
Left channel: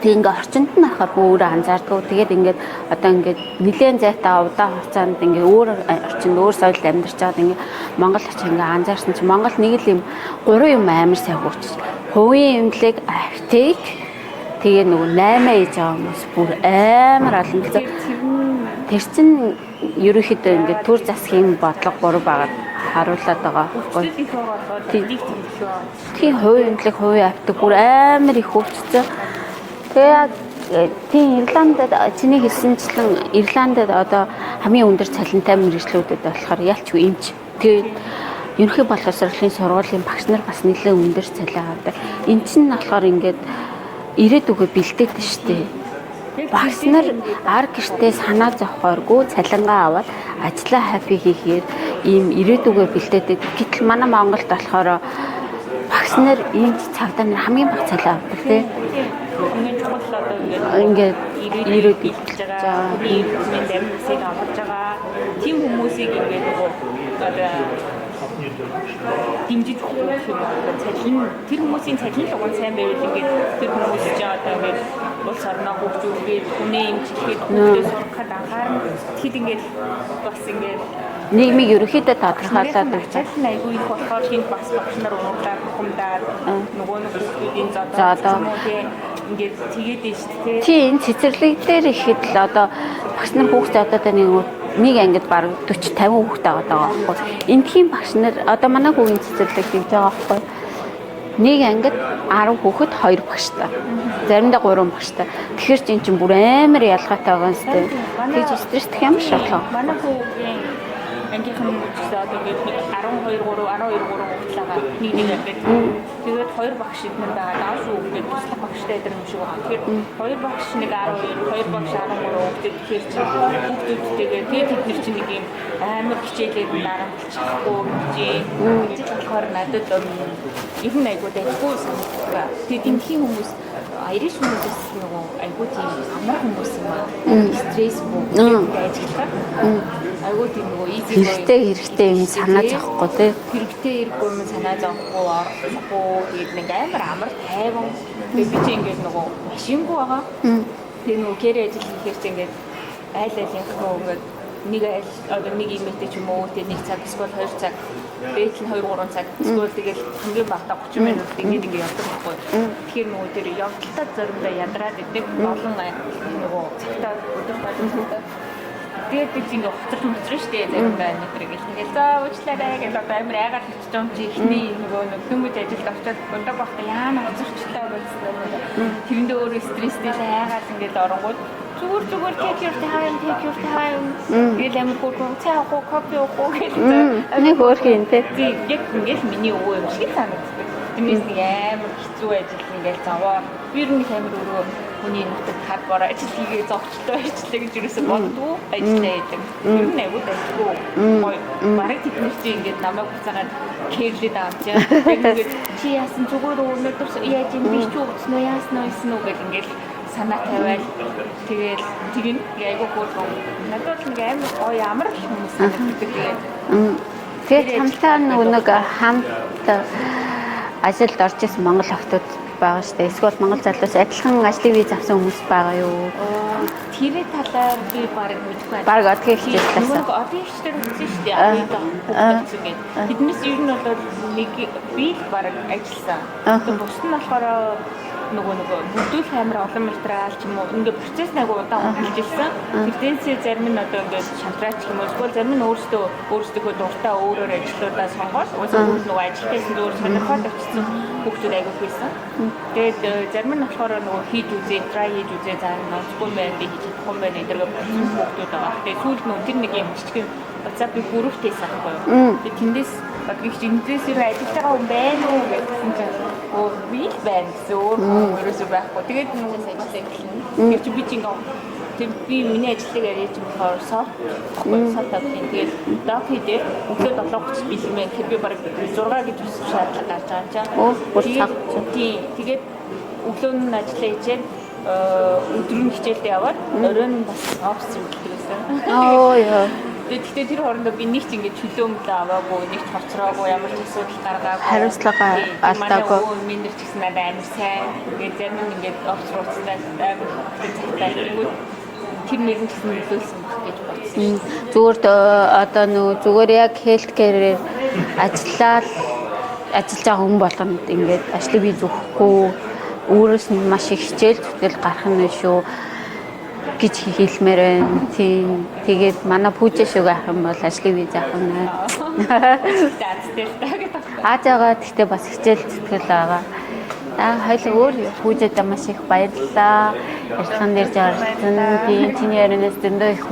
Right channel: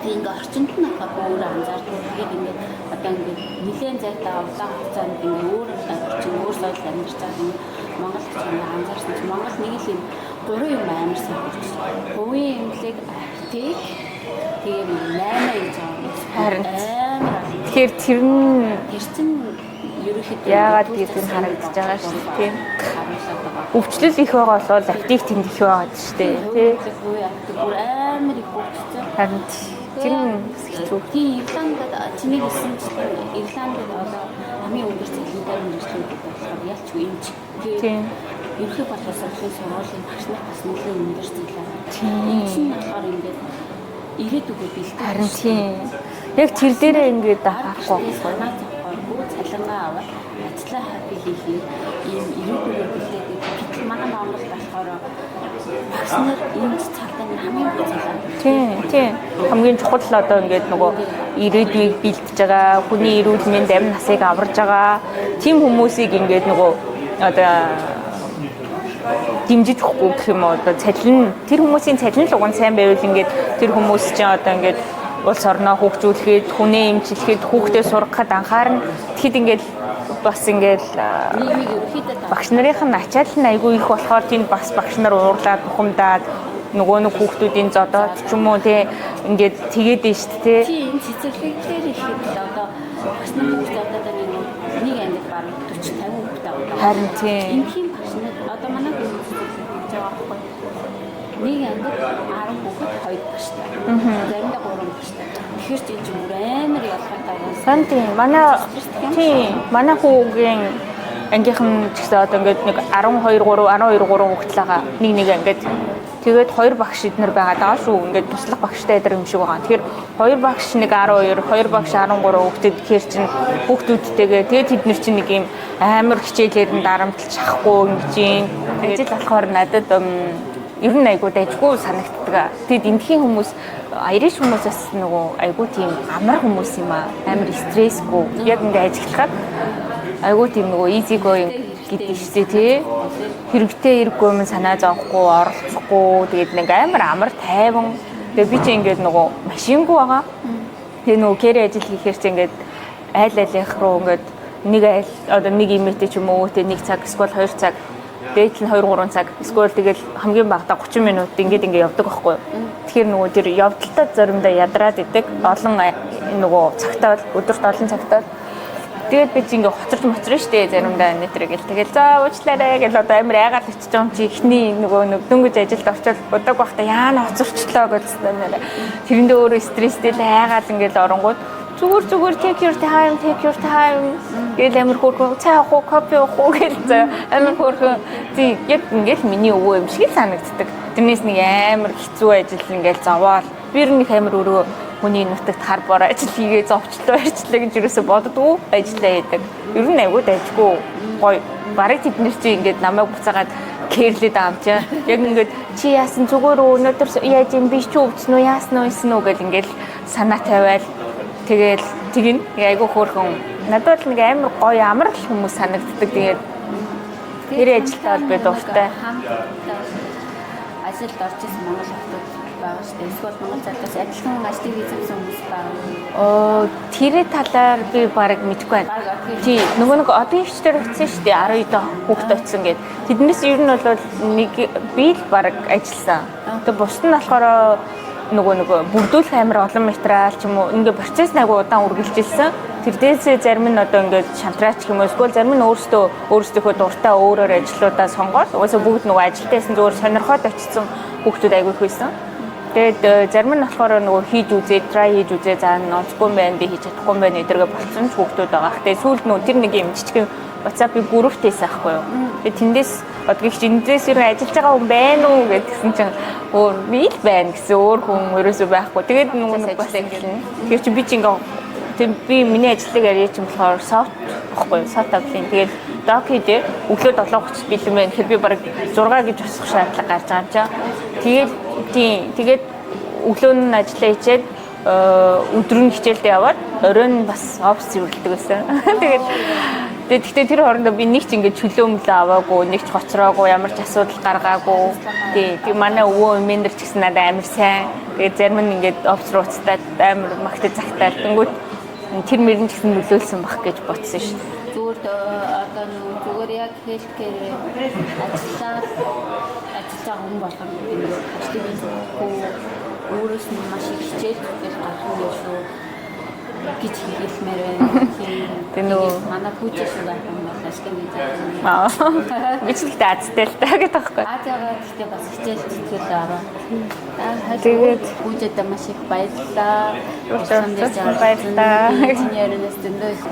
Тэг ингээ орчинд нь байхад өөрөө анзаардаг. Тэгээд ингээд одоо ингээд нэлээд зайтаа удаан хугацаанд ингээ өөр орчинд өөр соёлд амьдарч байгаад ингээ Монгол очиж ингээ анзаарсан чинь Монгол нэг л юм 3 юм амар сайн хөгжиж. Хувийн эмнэлэг, аптек тэгээ нөгөө 8 ээж байгаа хүмүүс бүр амар олон. Тэгэхээр тэр чинь ерөөхдөө ингээ төр засгийн бодлого буруу байгаа харуулад байгаа. Өвчлөл их байгаа болоод аптек тэнд их байгаа шүү дээ. Тийм хувийн эмнэлэг, хувийн аптек бүр амар их хөгжсөн. Тэгээд тийм Ирландд чиний хэлсэнчлэн Ирландд одоо хамгийн өндөр цалинтай мэргэжлүүдэд болохоор ялчгүй эмч. Тэгээд ерөнхий боловсролын сургуулийн багш нар бас нэлээд өндөр цалин авдаг. Эмч нь болохоор ингээд ирээдүгөө бэлдээд шүү дээ. Яг тэр дээр ингээд ар гэртээ санаа зовхооргүй цалингаа аваад ажлаа хаппи хийхээр ийм ирээдүгөө бэлдээд. Гэтэл манай Монголд болохоор багш нар эмч цагдаа нар хамгийн бага цалин авдаг тийм. Хамгийн чухал одоо ингээд ирээдүйг бэлдэж байгаа, хүний эрүүл мэнд амь насыг аварж байгаа тийм хүмүүсийг ингээд нөгөө одоо дэмжиж өгөхгүй гэх юм уу одоо цалин тэр хүмүүсийн цалин л уг нь сайн байвал ингээд тэр хүмүүс чинь одоо ингээд улс орноо хөгжүүлэхэд хүнээ эмчлэхэд хүүхдээ сургахад анхаарна. Тэгэхэд ингээд бас ингээд нийгмийг ерөөхдөө багш нарын ачаал нь айгүй их болохоор тийм бас багш нар уурлаад бухимдаад нөгөө нэг хүүхдүүдийн зодоод ч юм уу тий ингээд тэгээд нь шүү дээ. Тийм цэцэрлэг дээр ихэд л одоо багш нар хүүхд зодоод нэг ангид баг 40 50 хүүхд байгаа даа. Эндхийн багш нар одоо манай хүүгийн цэцэрлэг хийж байгаа байхгүй. Нэг ангид 10 хүүхэд 2 багштай. Заримдаа 3 багштай. Тэгэхээр чинь бүр амар ялгаатай байгаа. Тийм манай стресстэй юм шиг. Манай хүүгийн ангийнхан ч гэсэн одоо ингээд нэг 12 3 хүүхэд л байгаа. Нэг ангид тэгээд 2 багш эднэр байгаа даа шүү. Ингээд туслах багштай эдэр юм шиг байгаа. Тэгэхээр 2 багш нэг 12, 2 багш 13 хүүхэд тэгэхээр чинь хүүхдүүдтэйгээ тэгээд тэд нар чинь нэг юм амар хичээлээр нь дарамтлж чадахгүй юм чинь. Ажил болохоор надад ер нь айгуу дайггүй санагддаг. Тэгээд эндхийн хүмүүс Irish хүмүүсээс нөгөө айгуу тийм амар хүмүүс юм аа. Амар стрессгүй. Яг ингээд ажиллахад айгуу тийм нөгөө easy going хэрэгтэй юм санаа зовхгүй тий. Хэрэгтэй хэрэггүй юм санаа зовхгүй, оролцохгүй. Тэгээд нэг амар тайван. Тэгээд би чи ингээд нөгөө машингүй байгаа. Тэгээд нөгөө кэри ажил хийхээр чи ингээд айл-айлынх руу ингээд нэг имэйтэй ч юм уу тий 1 цаг эсвэл 2 цаг дээт нь 2-3 цаг эсвэл тэгэл хамгийн багадаа 30 минут ингээд явдаг байхгүй. Тэгэхээр нөгөө тэр явдалтаа заримдаа ядраад идэг. Олон нөгөө цагтаа өдөрт олон цагтаа тэгээд би чинь ингээд хоцорч моцорно штэ заримдаа нэтрэгэл тэгэл за уучлаарай гэж одоо амар айгаад очиж байгаа юм чи ихний нөгөө дөнгөж ажилд очиод удааг байхдаа яана хоцорчлоо гэсэн юм. Тэрэндээ өөрөө стресстэй л айгаад ингээд оронгууд зүгээр take your time гэл амар хөөрхөн цай авах уу кофе авах уу гэл амар хөөрхөн тийм яг ингээд миний өвөө юм шиг санагддаг. Тэрнээс нэг амар хэцүү ажил ингээд зовоол би ер нь амар өөрөө хүний нутагт хар бор ажил хийгээ зовчлоо ажиллаа гэж юусоо боддгоо ажиллаа гэдэг. Ер нь айгуу дайггүй гоё бараг тэднэр чи ингээд намайг буцаагаад кэрлэд аамчаа. Яг ингээд чи яасан зүгээр өнөөдөр яаж юм биш ч өвдсөн үү яасан уу гэл ингээд санаа тавиал тэгэл тэгин айгуу хөөрхөн надад л нэг амар гоё амар хүмүүс санагддаг. Тэгээд тэр ажиллагаа нэг хамт ажилд орж исэн монгол охтууд байгаа шүү дээ. Эсвэл монгол залуус адилхан ажлын виз авсан хүмүүс байгаа юу? тэрэ талаар би баг мэдэхгүй байна. Баг одгийн тий нөгөө нэг одын хвчээр утсан шүү дээ. Одоо хүүхд утсан гэдэг. Тэднээс ер нь бол нэг би л баг ажилласан. Тэгээ бусд нь болохоор нөгөө бүрдүүлэх амар олон материал ч юм уу ингээ процесс агай удаан үргэлжилсэн. Тэрдээсээ зарим нь одоо ингээ шантраач юм уу эсвэл зарим нь өөрсдийнхөө дуртай өөрөөр ажлуудаа сонгоод угаасаа бүгд нөгөө ажилтайсан зүгээр сонирхоод очсон хүүхдүүд аягүй их байсан. Тэгээд зарим нь болохоор нөгөө хийж үзээ, try хийж үзээ заа ноцгүй байх би хийж чадахгүй байх эдэргээ болсон хүүхдүүд байгаа. Тэгээд сүүлд нөгөө тэр нэг юм жижигхэн WhatsApp-ийн бүрүүхтэйс аахгүй юу. Тэгээд тэндээс одгийгч эндээс ажиллаж байгаа хүн байна уу гэдгсэн чинь өөр би л байна гэсэн өөр хүн ерөөсөө байхгүй. Тэгээд нөгөө нэг бас ажиллана. Тэр чи би чи ингээ би миний ажлыг ярьж юм болохоор софт байхгүй софт апплин тэгээд док хийдээ өглөө 7:30 бэлэн байна. Тэгэхээр би баг 6 гэж босох шаардлага гарч байгаа юм чаа. Тэгээд өглөө нь ажиллаа хийчээд өдөр нь хичээлдээ яваад оройн бас офис зөвлөдөг байсан. Тэгэхдээ тэр хоорондоо би нэг ч ингэж чөлөө мөлөө аваагүй, нэг ч гоцроогүй, ямар ч асуудал гаргаагүй. Хариуцлага манай өвөө менежер ч гэсэн надад амар сайн. Тэгээд зарим нь ингэж офс руу уцтаад амар магтаж загтаад тэнгүүт тэр мөрөн ч гэсэн нөлөөлсөн бах гэж бодсон шүү дээ. Зүгээр одоо нөгөө зүгээр яг healthcare ажиллаж байгаа хүн болгонд ингэж ажлын виз өгөхгүй өөрөөс нь маш их хичээл зүтгэл гарах нь шүү гэж хэлмээр байна. Тэгээд манай пүүжэ шиг ах юм бол ажлын виз авах юм байна. Бичлэгтэй азтай л таа гэдэг байхгүй. Азаагаа гэхдээ бас хичээл зүтгэл байгаа. Хайлтгууд пүүжэдээ маш их баярлалаа. Баярлалаа. Би инженернээс дэндээ их